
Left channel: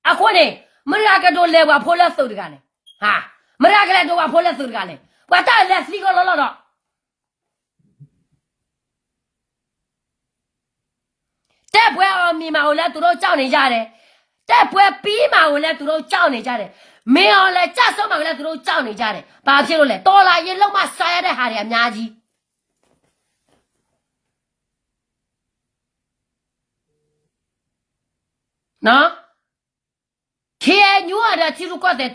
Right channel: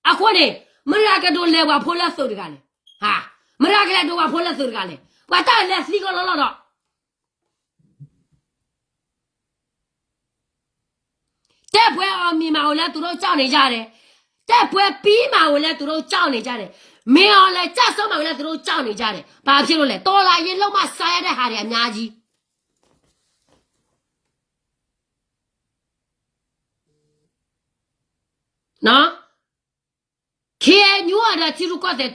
a ko ne me ya ke do le wa pho la so de ga le ha me ya ke le do wa pho la so de ga le wa ta le fi ko lo do te bwe o mi ma o le tu ro chao ni ja de te bwe pi ma o le tu ro chao ni ja de me o le cha so ma o le tu ro chao ni ja de ba phit lo le to la yin long ma sa ya de ha de a mya ji no ke nyu ada tiru ko de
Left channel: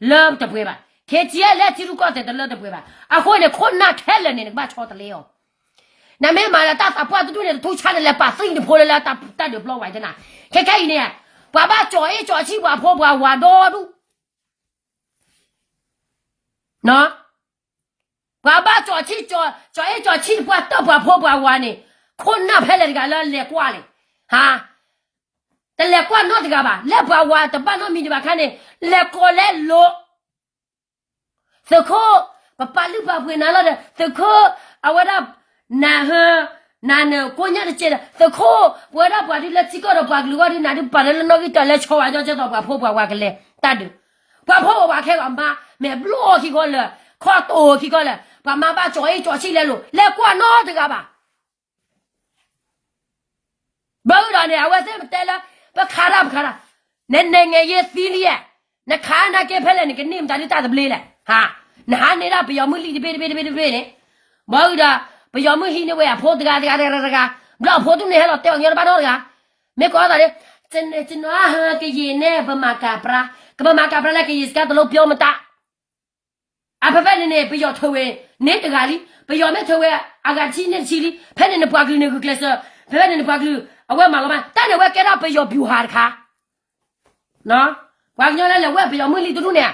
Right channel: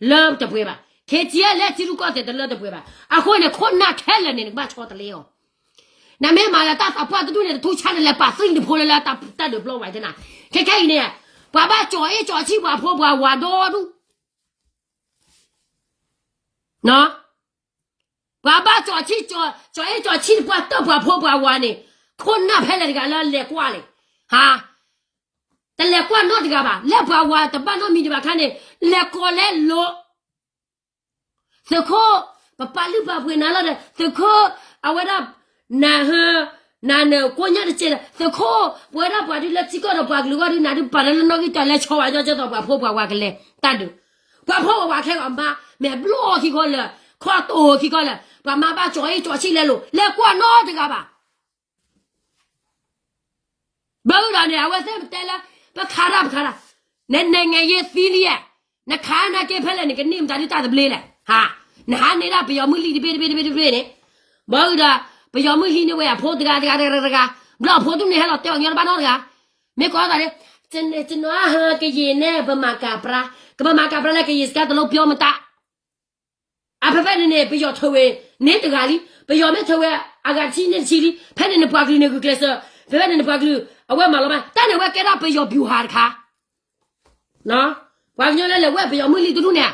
love de bwe ba ke ji le tiru ko de love de bwe ba a ko ne ko na thele ne ba cho de le yo na me ma la ta ta pa tu ne tu cha le pa sin de pho le la ta ta de blow wa de na ke ke ne ba ba jo e jo chi wa pho wa wa do du no ba ba jo chi jo e jo chi ba ta ba pho wa ne ko na phele ga la le kwa le haแต่เลกว่าโนดกะบะเลบะวาตะปะโนมีดิบะคันเนี่ยเลโกเลโลสะโคปะปะลุบะพวยนาละเดสะโคอวะดานาฮนาเนโกญะเจสะโควะดาปะดิเลจิกอดปะกลูกอดินาดิปะเลโนกิตะเลชอวะจอตะปะโพปะวะกะเลตะดุปะโพวะแค่กะมาแม่บลอคิกอเลขอโตคิกอเลปะมาปะจออีจอชิเลโลเลกว่าโนดกะบะบ่ล่ะเนี่ยอวะเซตะละतो खराब ने ये सीलिए न खाना के फैले ने के नीम जानी ता बले ले हां नहा नेरा पियमु ली बे ने बहुदा पियमु ही ने वे फो दगा ब्ला फो तु ने हेलो ते अंगे बा नो दगा मे को दा ले चिन वा हा के ये ने बमा का प्रा ले के ये ska तो लो प्यो मता आ फे ने पियो थवे ने दगा ली पियो मे थवे आगा ची ने ची ली फे ने बा गली ने को क्लेस फे ने बा गलीအဝဲမှာလောမတန်နေဝဲကဲတော့ပယောဗျူဟာခါနော်ဝါညောလဲလဲဝဲပယောမွလီတူတူနဲ့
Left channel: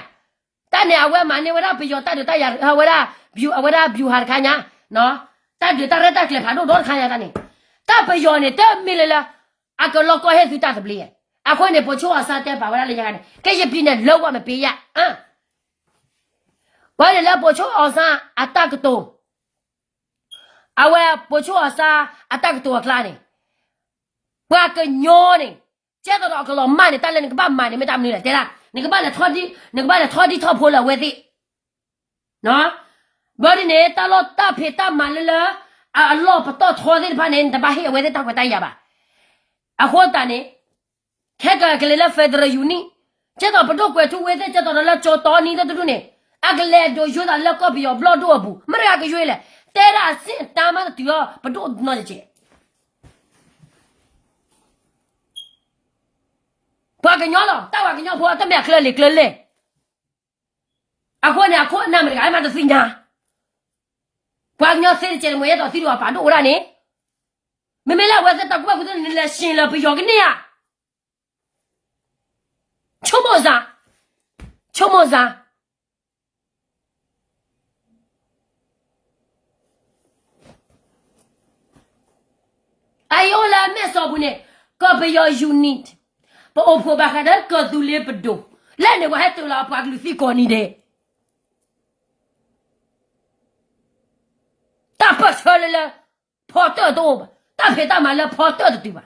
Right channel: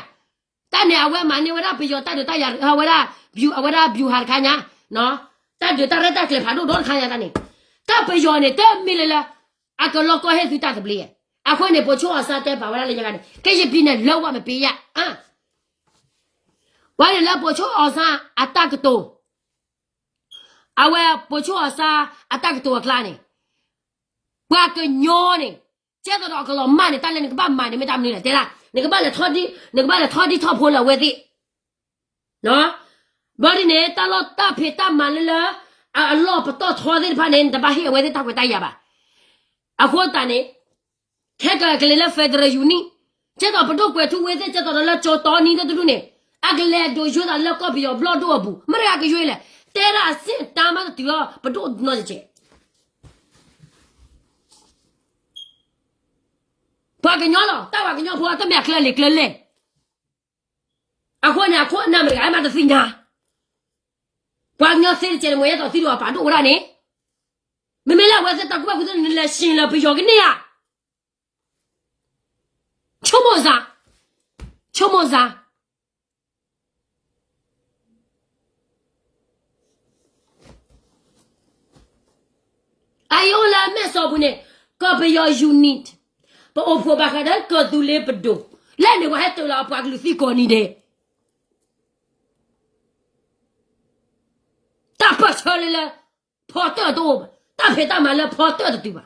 တန်နေအဝဲမှာနေဝဲတော့ပယောတတ်တယ်တရဝဲတာဗျူအဝဲတာဗျူဟာခါညာနော်တတ်တယ်တရတက်ကလေဖာတော့တော့ခါရတာနေတပယောနဲ့တဲမီလလာအကလောကဟဲသူတတ်ပလီအခုနေပိုချိုအစားတဲပါဝဲလေရကနေကဲရပြင်းနဲ့လောက်ဝမပြေရဝါရလာပိုချိုအစားအတက်တူအဝဲပိုချိုအစားအတက်တူကလာနေว่าก็ย้อนนี่接着到个老慢的，当然那个把慢的没打没了，对啦，那个把来拖地拖破了，为的，喏，我的呢，打老打皮打慢了了，啊，老不到拖的怕呢，他把黑为的打过打呀吧，啊，或打呢，开个来了飞的了有呢，接着不到关注为的，接着了找到你的都呢，啊个来就有的了个比较不老多步，没那个月了，带了些打嘛的对了，不多那就去。把个鸟了，打完个鸟破，他们可来可来。啊，过年过那么个，俺妈的谁呢？把个鸟生的，我也到谁了？把多少呢？妹妹来，我是打过来，你来新了，不要给你呀？敲门上，敲门上。哎呦，来买啥不呢？个不要 unit。把我婆把他的个都来不动，来了我还走了，把个飞过你的，打不出来了，跑得多吧，打牌打满了跑得对吧？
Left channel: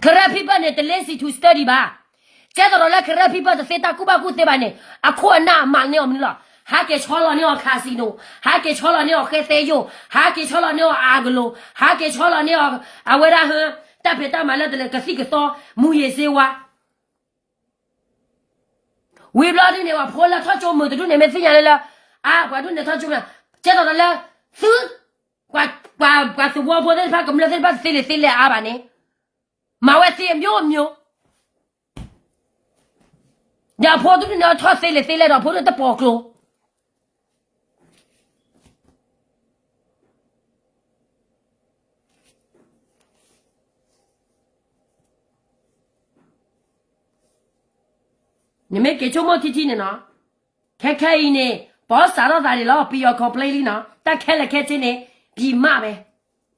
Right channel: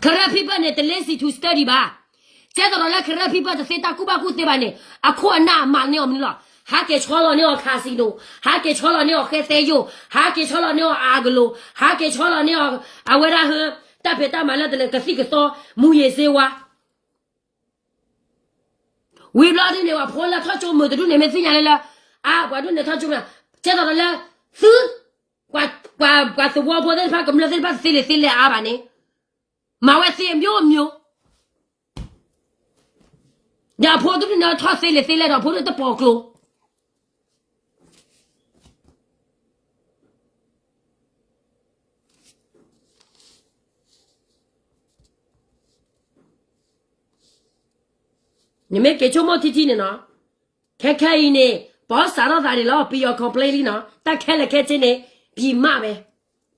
可是皮巴呢，的类似 to study 吧，接着了可是皮巴的谁打古巴古对吧呢？啊，困难嘛你要明了，还给超了你要卡西诺，还给超了你要海塞油，还给超了你要阿格罗，还给超了你要啊为啥很？打牌打满了的那个谁个少木叶谁哇？为不了的呢话，破了他叫木的都那边谁家来了？啊，我都那他就嘛，接到了是，我是我婆的他根本是把谁来啊吧呢？马外谁没有？你婆都那他谁来了？婆的包括。你们给周末提提呢？看看呢，把啥到啥的了，不要 complain 呢。但看了看这呢，比骂呗，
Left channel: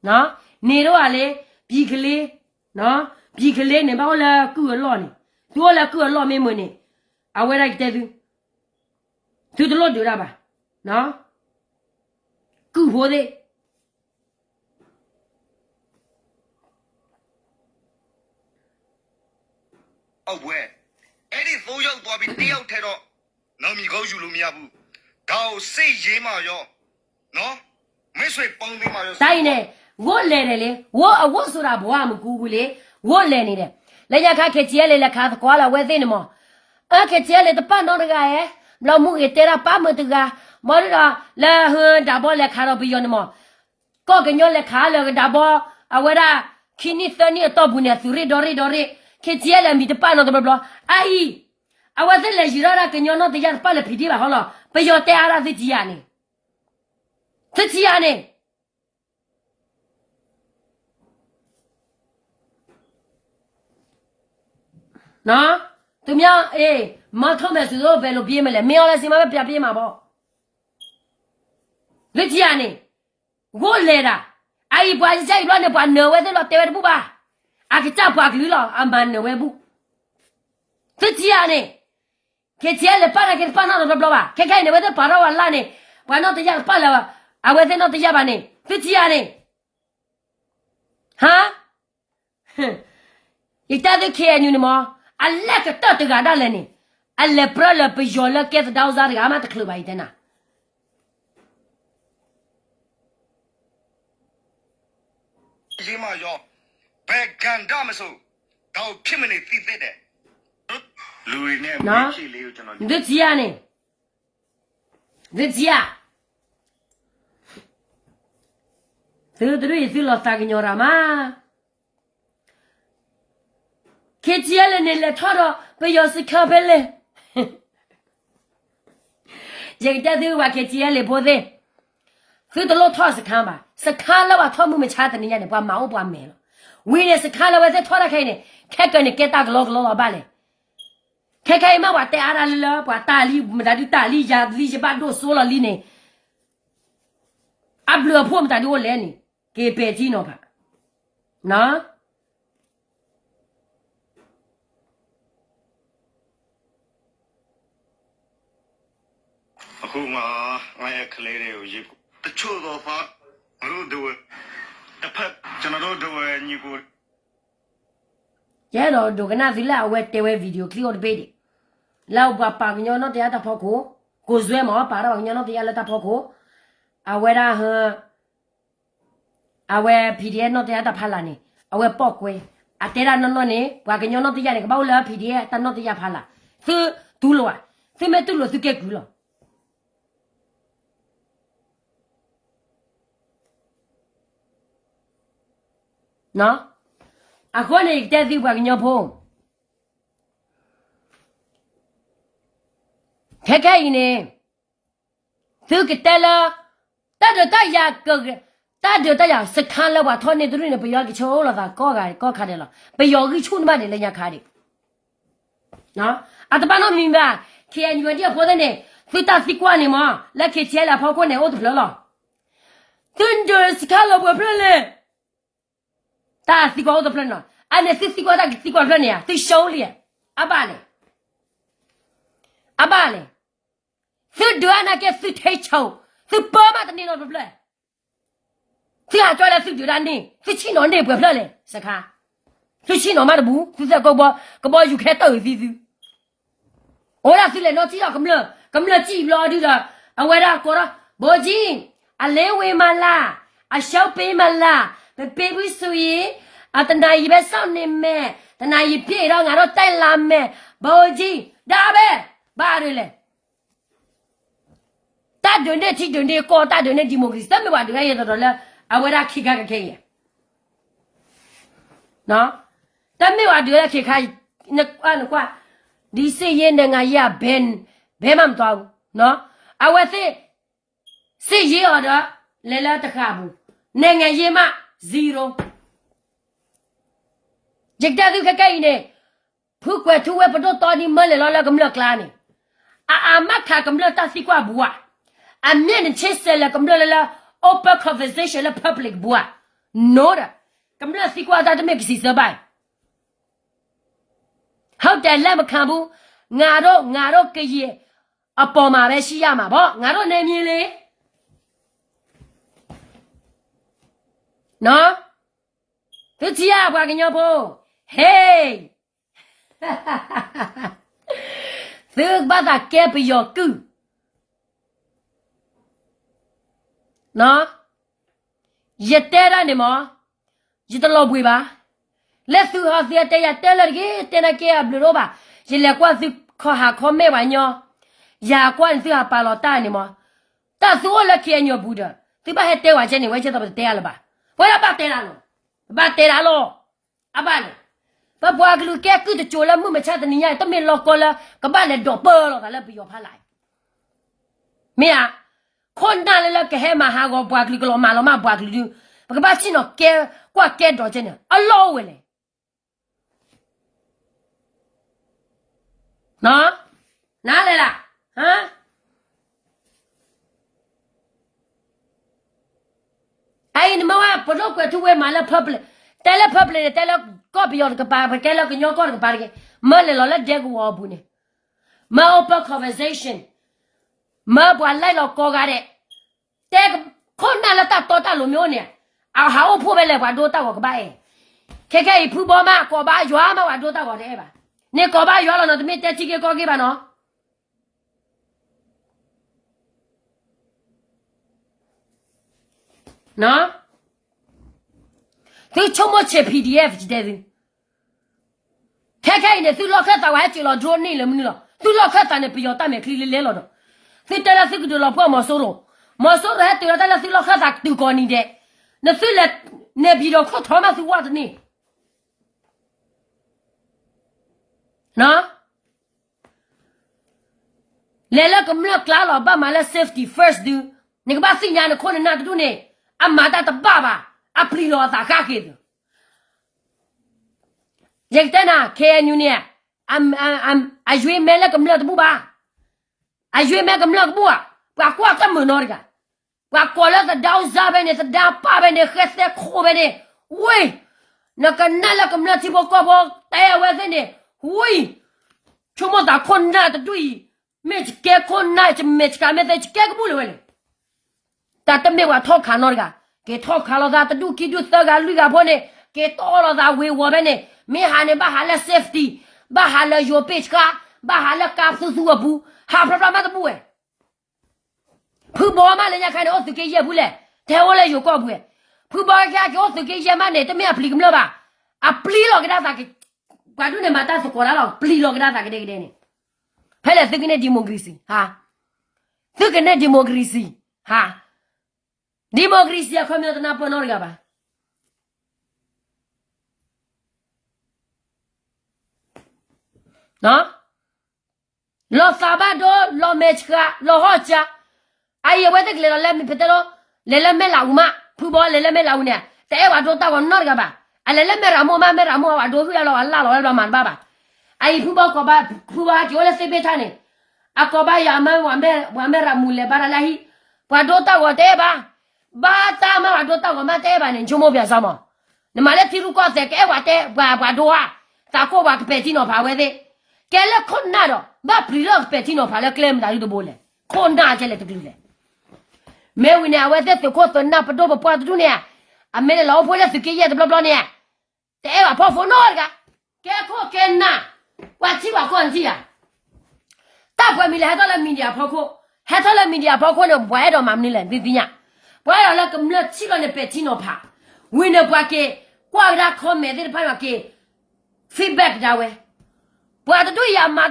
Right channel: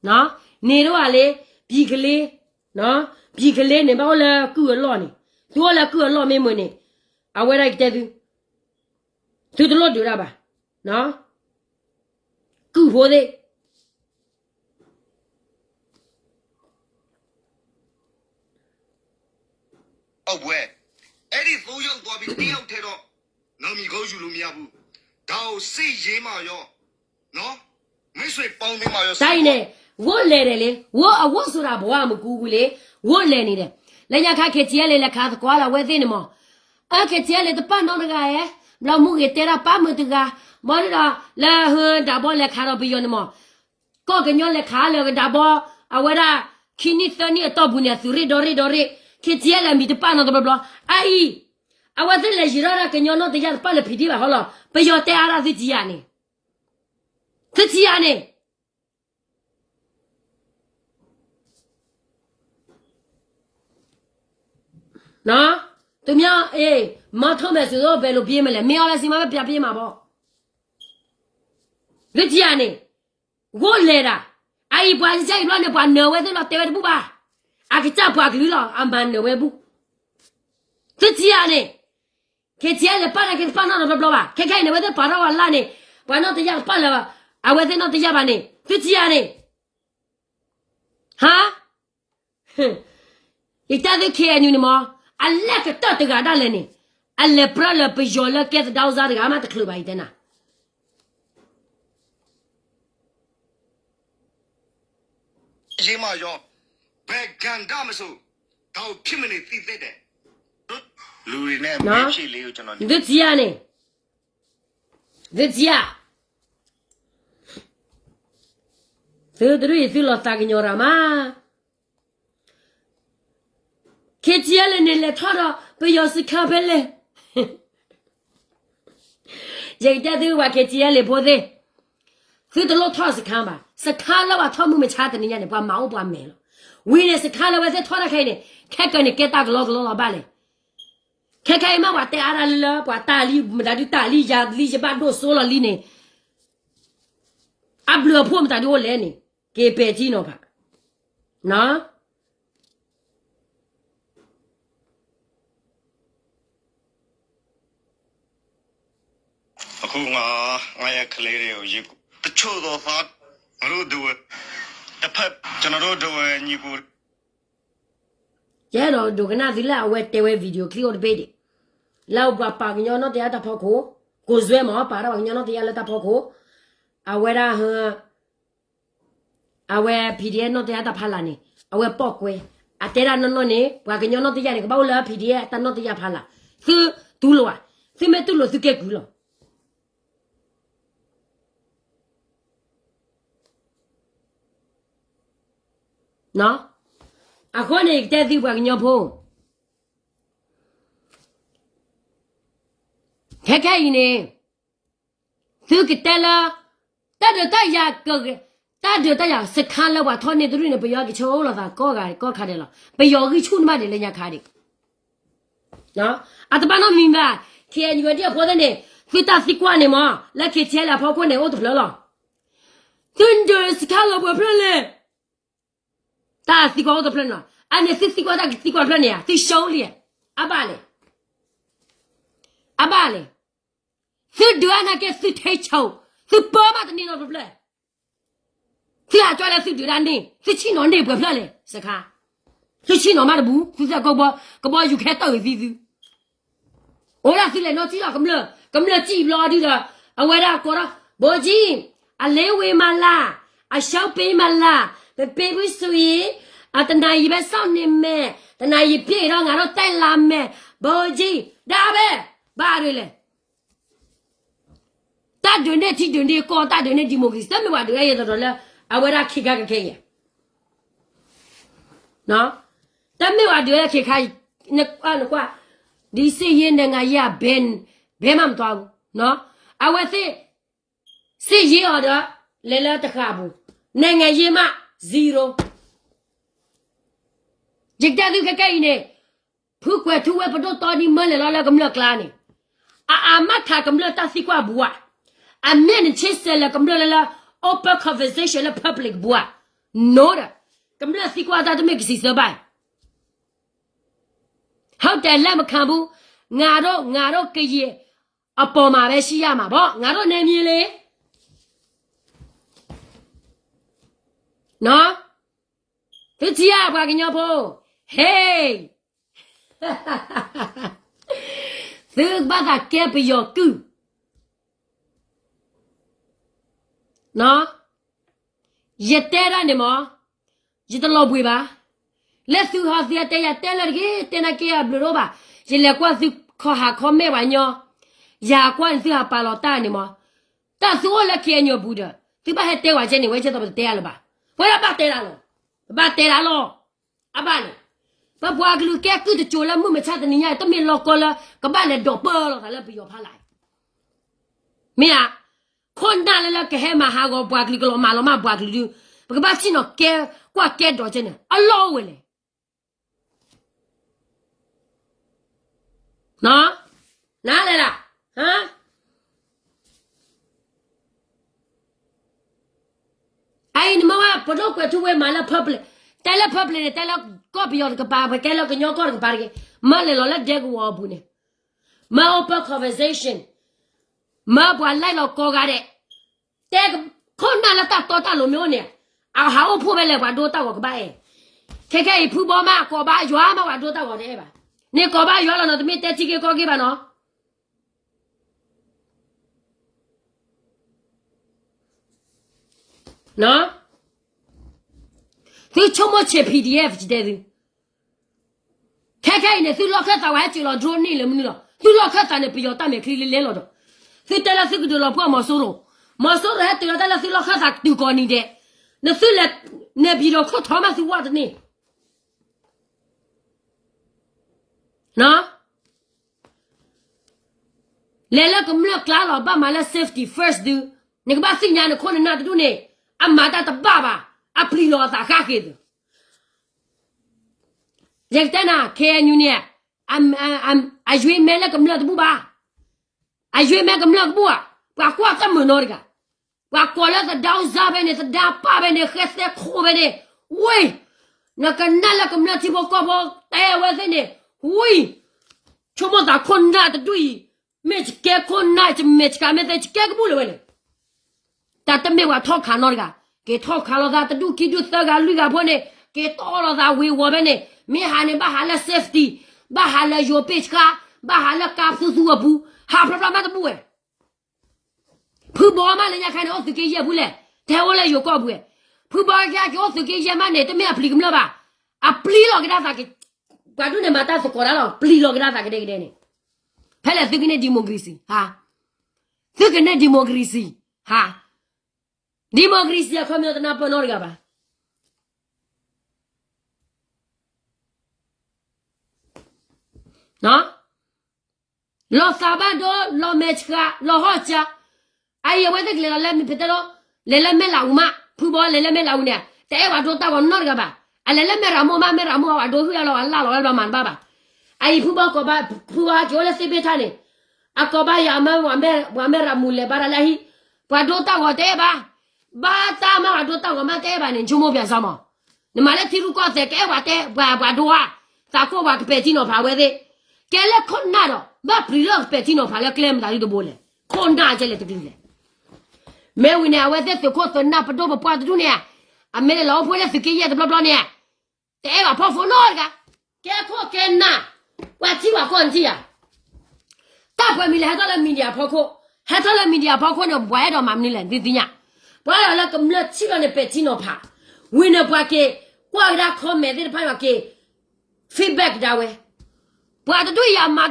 喏，你的话嘞，比克嘞，喏，比克嘞，你把我来过老呢，多了过老没么呢？啊，我来给他都老丢了吧，喏，过活的。哦不哎。အဲ့ဒီ3ယောက်သွားပြီး1ယောက်ထဲတော့နောက်မိကောင်းယူလို့မရဘူး။ဒါကိုစိတ်ရေးမှရောနော်မိတ်ဆွေပေါင်းသိမှရော တိုင်းနေဝတ်လေတယ်လေဝတ်အဝတ်ဆိုတာဘဝမကူဘူးလေဝတ်လေနေတယ်လက်ရခါခက်ကြီးလေလက်ခါကွာလာဝဲသိနေမောအခက်ကြီးလေတပတ်တော့တကရဲ့လောမှုရတဲ့ပါမတကမောရလာဟန်ဒါဘောလက်ခါတော့ပြီးရနေမောကောကညောလက်ခါလေဒါဘောအဝရခင်းနီစနီတော့ဘူးနေသူရီဒရီခက်ကြီးလေမိတပတ်တော့ဘလောအိုင်အဝဒလေဂျရာကညောတော့တရားပါလေဖီဒီပါဟောလားပယောတဲအားသကြီးရနေသကြီးရနေနော်သူများအေးမထုံးမယ်ဆိုတော့ဘယ်လိုပြေးမလဲမင်းလည်းစီမပဲပြပြေးမှာပေါ့လက်ကြီးရနေဝို့လေတာအိပွားကြီးလောနေပွားနော်ဝဲတဲ့လောတဲဝဲဘူးပါအကကြပွားကလူလောအမန်နော်ဝဲဘူးသကြီးရနေခေချဲလေပါရကေပါနော်ဘလဘလာခေခိုင်နေဝဲတဲ့ပါရောလာနေဘာနော်တရားပါလာအဝဲတဲ့နော်တရားပါနေသကြီးရနေဟာဒီတတဲ့ခေညူနေမောအလက်တတကဒါလည်းနေအလက်ပရလပယောလကဲတောက်စားရမှာတခလူပါတဲ့နာရေးမှရောဘယ်ကန်ဒါမဆိုတော့ဖြစ်မနေသိတဲ့လူတွေနဲ့မိတ်ဆွေလေးကိုကျွန်တော် ဒီကြီးရနေဒီကြီးရသူတို့ရစီလောတာကညောရမှာခေချီရလည်းနေလက်ထော်တော့ဘယ်ရောစခပဲလေကြည့်တဲ့သူကခေချီရလည်းပိုသေးသူတို့ထော်စခမ်းပါစခမ်းလောက်ထော်မှုမချတဲ့နေရတယ်ဘာမအောင်ဘာမဲလို့ဝင်းနေစခမ်းလောက်ပဲထော်ရခိုင်းနေခက်ကနေကဲတာတော့ပါလေခဲခဲမဝတဲအားလာပွာတာလီမဒါဒီတာလီယာလီချပါဒိုဆိုလလီနေအဘလဖို့မတာဒီိုလဲနေကေပေကြီးနော်ဖာနော်အခုငါရဲ့ကလေးတွေကိုရေးတချို့တော့ငါတို့တို့တ တစ်ဖက်ကျွန်တော်တို့ညီကို ကျဲတော့ဒုကနာသီလာအဝဲတဲဝဲဗီဒီယိုကလစ်ပေးတယ်လောက်ပါညောနော်တရားတဖောက်ကိုဇွဲမောပါတော့ညောနော်တရားလက်တဖောက်ကိုအဝဲရာဟအဝဲ PDF နော်တရားတဖလာနေအဝဲပော့ကွဲအတဲရနော်နေဘွာကညောနော်တရားလေကပေါ့လာ PDF တနော်တရားဖလာသူဒူလောသူမဲတူလို့သူကဲကူလောနော်အခုနေတဲ့သူဘွာကညောဖုံးခဲခဲနေသူကတဲလာတတ်တရကတတ်တရစခန်းလောက်ပါထောနေသူတွေဘယောကချုံလာတာကောခါတယ်လားဘယောကချုံမတယ်လည်းညခါတယ်နော်အတပနောမင်းပါချေညွန်တဲ့ပေါ်တဲ့နေဖီတာစီကွာနေမလက်ခေချဲလာဖောက်ခွနေဦးတဖလောသွန်ဒစခါလောက်ဘဖလဲတာစီကွာဦးတဖလောအနေစီကွာတာစီကွာဖလနေသိရှုံးလေအပါလေသူဒွာနာကစစ်ထဲချောသူပေါ်မှာတနေတော့ဘလဲသူကကြောက်လဲသူဒွာနေသူချင်းတော့နေဘလဲလေစကားသူချင်းတော့မဘူးသူစကောဘောယူခဲတော့စီစီဟိုလာစီလေတော့ကြည့်တော့ကမလကြည့်လို့ဒီတော့အဝဲရကောဘောကြီးအလဲဝေမလားအရှောက်ပေးမလားပေးပြီးဆိုရင်အတနာကြီးပဲစောင့်နေမယ်တနာကြီးပြေတော့ငါတို့တိုက်လာမယ်ဘောကြီးဒါပဲဘာလဲတတ်တဲ့ချီတဲ့ကောတတ်တဲ့ဒီမိုကရေစီတမဝါတွေရတော့လဲအဝဲရခိကခဲရနော်တမဝါတွေရခိခိုင်နကွာဒီစေရင်ငါရဘယ်မှမတော်ဘူးနော်အဝဲစေရရတော့လဲလဲတခါဘူးနိုင်ငံရေးမှ0ကြက်တဲ့သူခိုင်နေဖုကွယ်သူဝဲပတော့တော်ဒီမလဲလာကမလကလာနေအာမခါကမလတစီကွာဘူးအမြင့်ချစ်စဲလကမလလာ open conversation la public ဘူးနော်ကမလစီကွာတာတမက်စီစပိုင်ဟုတ်တယ်လက်မခံဘူးငါတို့ကရေအပေါ်မှာပဲရှိရမှာဗောငါတို့နေမြင်လေနော်သူကြီးရပါကညောဖို့ဟေးသူဘာသာကဲပယောကူနော်ရတဲ့ရနေမရတလို့ပွေပါလက်သူဟာစီတဲ့ရတဲ့လကြီးတဲ့နကေဘလိုပါရလေကွာစီခေါ်မဲပါညောရာကွန်စီဟာပါလောတာနေမတဆိုးလက်ခဲညောဘူးတဲ့ဒီပါဟဲ့တဲဝါချင်းနေဝဲချက်တော့တဲရလားပါဘယ်ပါတဲရလို့ဘာတဲရလို့အပါလေဘာဘွားကလူကဲကူတချိုလာမှုမချတဲ့ညတမေလောကောလာကဘာလေတော့ပေါ်တော့လည်းပြောဖလိုက်မင်းคนนั่นเลยละแกให้มาหาก็บวกลิกลอมาลอมาบวกลิดูบกบาสิเนาะแกกว่าแกดอเจเนี่ยอัลลอฮ์เว้ยเนาะนาเลยล่ะฮะไอ้นี่มาว่าปดกว่าทุเวมาละพับเลยแต่ละพับเลยแต่ละก็ไปยอดกับปาไปแกละก็ยอก็กับปาแกมาเลยละเด็กว่าบุเนี่ยมา open conversationมาบวนไล่เราโกกาเด็แต่คนนั้นละตัดตัวตัดหลุมโยเนี่ยเอาหาว่าพูดไปเลยว่าดูตากับบ้าเองแค่พูดบ่มากกว่าบ้าอยู่มาว่าดูตากับได้ป่ะเนี่ยกบ้าอยู่แล้วเนาะไม่แต่ชิคกี้ก็กี่ป่ะเนาะเนาะคือชั่วโมงเช็ค PDF จีเดซิแค่เนี่ยสุดล็อกแค่ตาไว้จีเราโดนนี่เลยมึงเนาะสุดล็อกแค่ตาเนี่ยประโยชน์ตาเนี่ยคลีเล่นเราเนาะสิแต่ละสิกูดูเราพ่อมาสู้เราให้ตัวแต่ละสิเราข้าศึกดูก่อนนี่เด้เนี่ยสิเลยเนี่ยพี่เราเขาทำมาสิว่าตัวนี้นะแล้วก็มันกล้าเราบ้ามาแล้ว safety first ดูเนี่ยก็บ้าสิ่งอย่างเนี่ยคนนั้นดูเนี่ยอามาตาตบ้าอาพลีเราตาข้าเกิดอย่างแต่น่ะแค่ยูเนี่ยอายุเมล่ก็มันตัวบ้าอายุแม่กำลังบัวว่าควากันมือนอร์กะว่าควาแล้วจะดาวซาเบเนี่ยจะดาวป้าเบเนี่ยเขสเตโคเบเนี่ยวุ้ยนักนั่นแล้วกำลังที่บอกก็บอกแต่เวทีเนี่ยวุ้ยชั่วโมงตาคนน่าจะดุยไม่จะแก่คนน่าจะไม่จะการไม่ได้จะแก่ก็บุญเลยแต่ตั้งแต่ว่าทอขานอร์กะ给掏卡了他，他都给就这个绿个破呢，给到了他为我们呢，没喊呢把喊了 safety， 把喊了有被卡，把喊了干出做不，哈不嘛都不会。ผู้บอมาเลยนะคันออสเกยบุเลยแต่ว่าเลยอยู่ก็บุผู้บอจะออสเกยมาเนี่ยแต่ไม่อพลิกมั้ยบ่ะอพลิกหรอกได้สักกว่าดูเนี่ยมาตาสกอร์แล้วพลิกหรอกได้สักเด็กๆเนี่ยဖဲလေသိကနေဒီမိုကရေစီဟာသိကနေဒီမိုကရေစီဟာဒီမိုကရေစီခေါ်မျိုးတနာပေါ်တော့ကြပါနော်လောစာဘဒိုလောမက်ချာလောဟချာai vậy thì là làm phải đó làm mấy lão mà phụ bò làm mấy lão nè thế mà tôi tao còn nói cái bà ai làm mấy lão mà à đối với lão Allah lão mà bà ai phụ bò có bà phụ bò chỗ là sẽ biết thằng này à có bà ya mà làm mule bà là hi bà tôi tao có thế bà ta mà tôi tao có mà thế bà nên chúng mua việc sao mà nhưng mà lấy thì có thể cái bà tôi à ta có bà cái tiền nó phá vậy đấy cái là con nào đó bà bị nó cái tiền nó phá là claim lại được bố này con nào chơi lại cái gìแม่วินาว่าจะสุขสนน่ะปะโตปะปะตุเนี่ยอเมเราพอแล้วสิเกยะบลาๆเนี่ยแต่ว่าพอฝนนอดกะแกข้อแกน่ะว่าที่ว่าก่อนที่อ่ะตาพอมีแล้วตะละมีเดียพอโคให้ตะละมีเดียพอโคเนี่ยบ่ให้ดอกมานี่แหละติๆเนี่ยบ่ให้แล้วกำลังชิก็เนี่ยเป็ดที่เนาะพาวินาปะเกกว่าได้คอมเมนต์ได้พาว่าเกฟีดแบ็กดาเว้บ่ตะตุยามา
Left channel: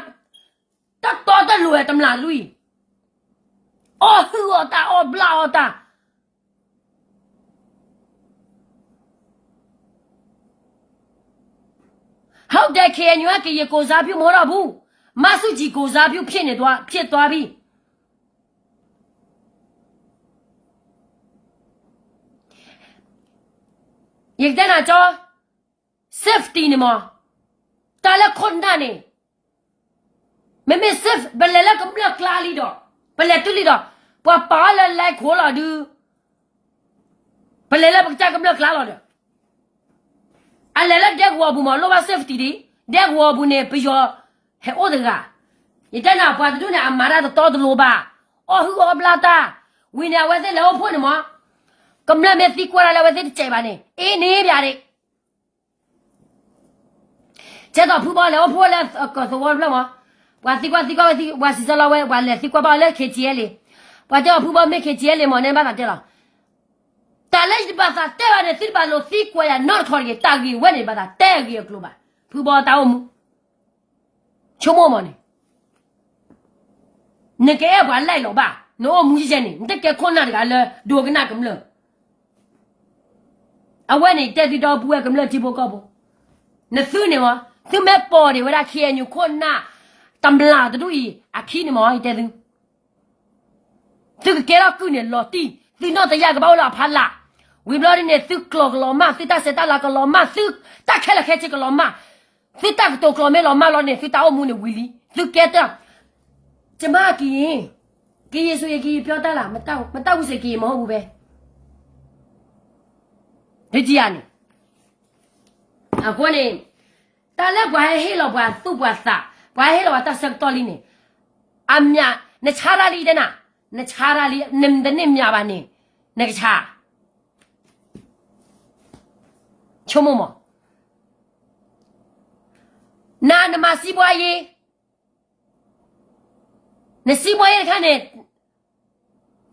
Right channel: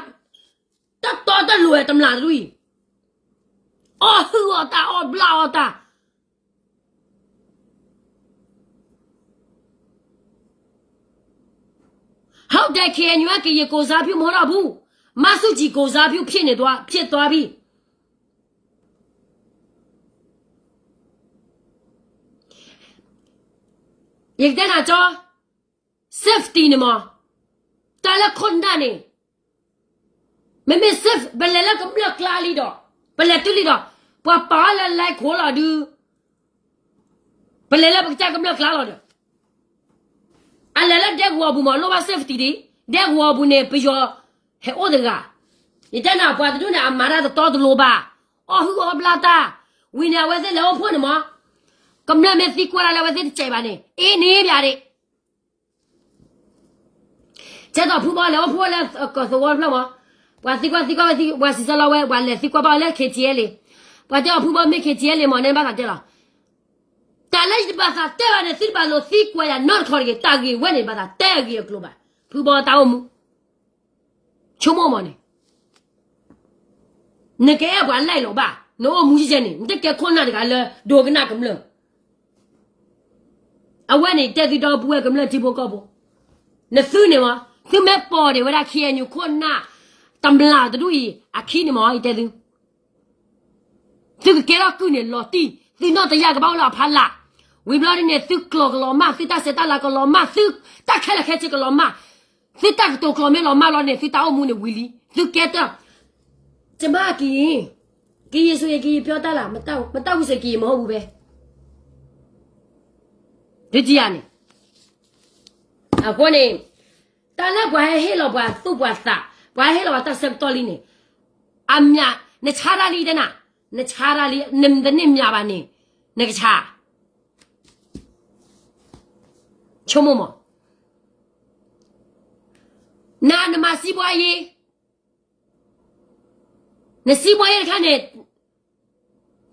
ตะตอตะรวยตำลาตุย哦，我打哦，不拉我打。好在看你给一个啥票没了不？马手机个啥票骗你多骗多币？你在哪找 ？safety 呢嘛？打了困难呢？妹妹 safe，本来那个不要拉里的，本来这里的。ว่าป้าละไล่ขวละดูไปเลยละปักจ้ากำลังคลาละดูอะไรละเด็กวัวบุมาโลบาเซฟตี้ดิเด็กวัวบุเนี่ยไปยอเฮโอเดกะนี่แต่น่ะป้าตัวเนี่ยอามาราตอตโลบาอ๋อหัวบลาตาวินาเวเซแล้วพ่นมากำลังเมติกว่าละเวเซใจบานี่เอนี่ဗျာดิเจ้าผู้บ่แล้วพ่นแล้วก็สวอแล้วว่าสิว่าสิซะละเวว่าแล้วสิกว่าบ่แล้วเคเจเลยว่าเจ้าผู้บ่ไม่เคเจเลยหมอเนี่ยบ่ล่ะเจ้าแต่ละสิบ่ซะแต่ว่าเนี่ยสิบ่โลสิกว่าอย่านอขอเกตากีเวนี่บ่ซะแต่กีกลัวบ่ผู้บ่ตาอมูชั่วโมงมั้ยนี่แกบ่ไล่หรอกบ่โนมูสิเจนี่นี่แกคนน่ะกะเลโดกนะกำลเอาไว้นี่แต่สิดอผู้กำลที่บ่ก็บ่นะซื้อนี่วะซื้อแม่ปอดิเวลาเคียนอยู่คนน่ะตำลาตะดุอีอะคีนี่มั้ยแต่ดู这个给了去年老弟，你那这样个包了盘了，为了人家是搞个老马，是打那个老马，是打开了开这个老马，是打都搞没老马了呢，是打我们的威力，是给的，怎么给所以给表达了，没到是给毛不呗？就这样呢，啊，我呢，但那不还黑了不都不啥，不还黑了他生道理呢，俺们呀，那查哪里的呢？那查哪里？恁的恁家吧呢？那个查，瞧么么？那嘛西瓜叶，那西瓜叶看呢？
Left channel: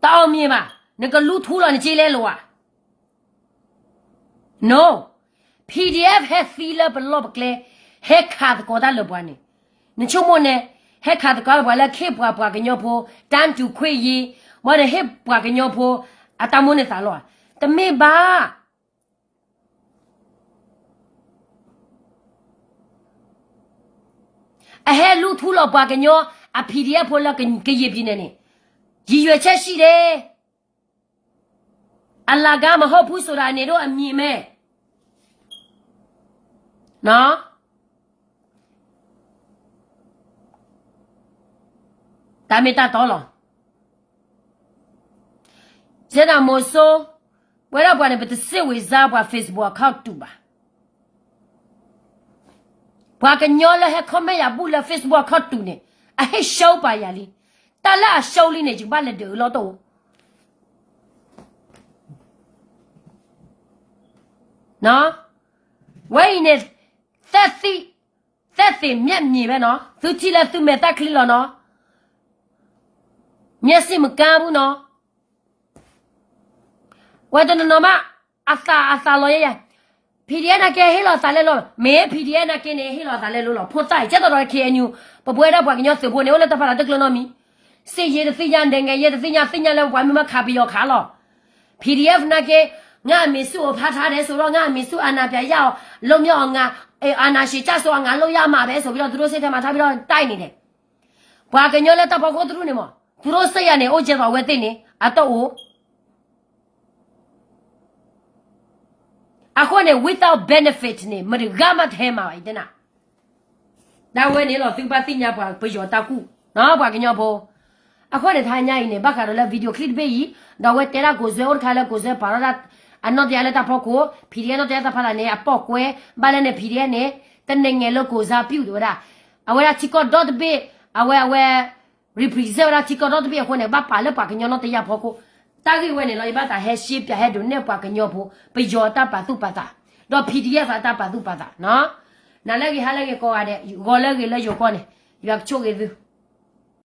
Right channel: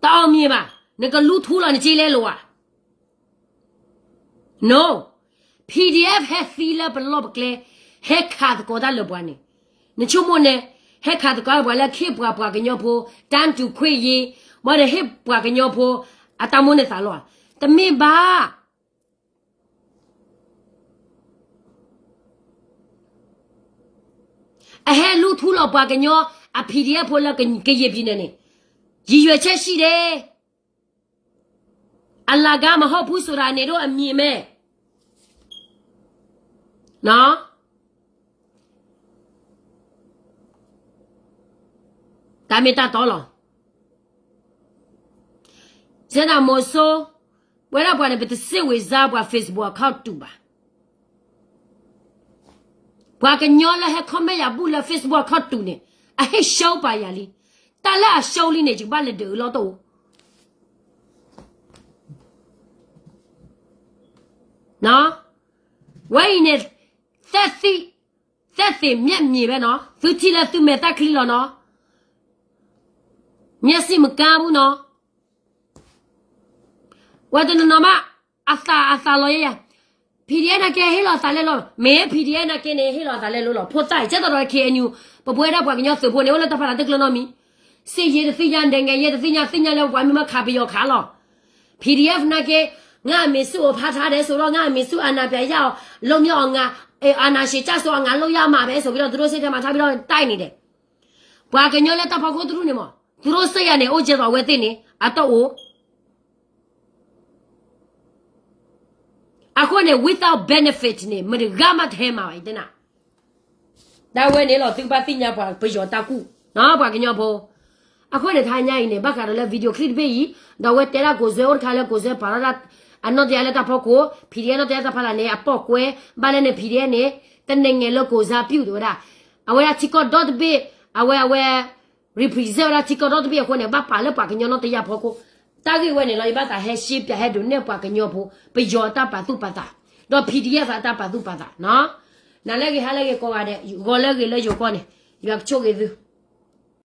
到面吧，那个路途了，你进来了啊 ？No， PDF 还飞了不落不来，还卡的高大了不呢？你瞧么呢？ให้ขาดก็ว่าแล้วที่ปว่ากันยอพอตามจุคุยยีบ่ได้ให้ปว่ากันยอพออะตามุนสาลอแต่ไม่บ้าอะให้ลูทุลอปว่ากันยออะ PDF พอแล้วกันเกยพี่เนี่ยยีရွယ်ချက်ရှိတယ်อัลลาฮ์ကမဟုတ်ဘူးဆိုတာနေတော့အမြင်မဲ့နော်大没大到了，这那么说，为了把那不是社会上把 Facebook 靠堵吧，把个鸟了还看没呀？不了 Facebook 靠堵呢，啊还小把呀哩，但那小哩呢就把那丢了都， နော်ဝိုင်းနေသက်စီမြက်မြေပဲနော်သူချီလဲသူမဲ့တက်ခလီလောနော်မျက်စိမကဘူးနော်ဝတ်တနမအစာလောရဖီဒီယနာကဲဟီလောစာလဲလောမဲဖီဒီယနာကင်းနေဟီလောစာလဲလောဖို့တိုင်ချက်တော့ခေညူပပွဲတော့ပွားကညောစဖို့နေဝလတဖလာတက်လနော်မီစေရသိညာဒင်ငယ်ရသိညာလဲဝါမခါပြီးရောခါလော PDF နာကငါမေစုကိုဖတ်ထားတယ်ဆိုတော့ငါမေစုအာနာပြရအောင်လုံမြောက်ငါအာနာရှိချဆိုငါလုံရမှာတယ်ဆိုပြီးတော့သူတို့စိတ်ထဲမှာထားပြီးတော့တိုက်နေတယ်။ဘာကညောလဲတဖကိုသူတို့နေမသူတို့စိတ်ရနေအိုကျတော့ဝဲသိနေအတော့အခုနေ without benefit နေမရဂမထဲမှာပဲတဲ့နာဒါဝဲနေလို့သူပါသိညာပွားပြောတကူနော်ဘာကညောဖို့အခုနေထိုင်ညရင်နေဘာကတော့လဲဗီဒီယိုကလစ်ပေးဒါဝဲတဲရာကိုဇောခါလဲကိုဇေပါရတ်အနော်တရားနဲ့တဖို့ကိုဖီဒီယနော်တရားတဖလာနေအပေါက်ကွဲဘာလဲနေဖီဒီယနဲ့တနေငယ်လို့ကိုစားပြုတ်တော့အဝဲချီကော .b အဝဲ represent ချီကော .b ခုနေဘာပါလဲပါကညနော်တရားဖို့ကိုတာကြီးဝဲနေလို့ဘာတာဟဲရှိပြဟဲဒုနေပါကညောဖို့ပြောတာပါသူပါတာတော့ PDF တာပါသူပါတာနော်နားလည်းဟာလည်းကောရတဲ့ဘောလည်းလည်းယောကောနေရချိုးကေသူ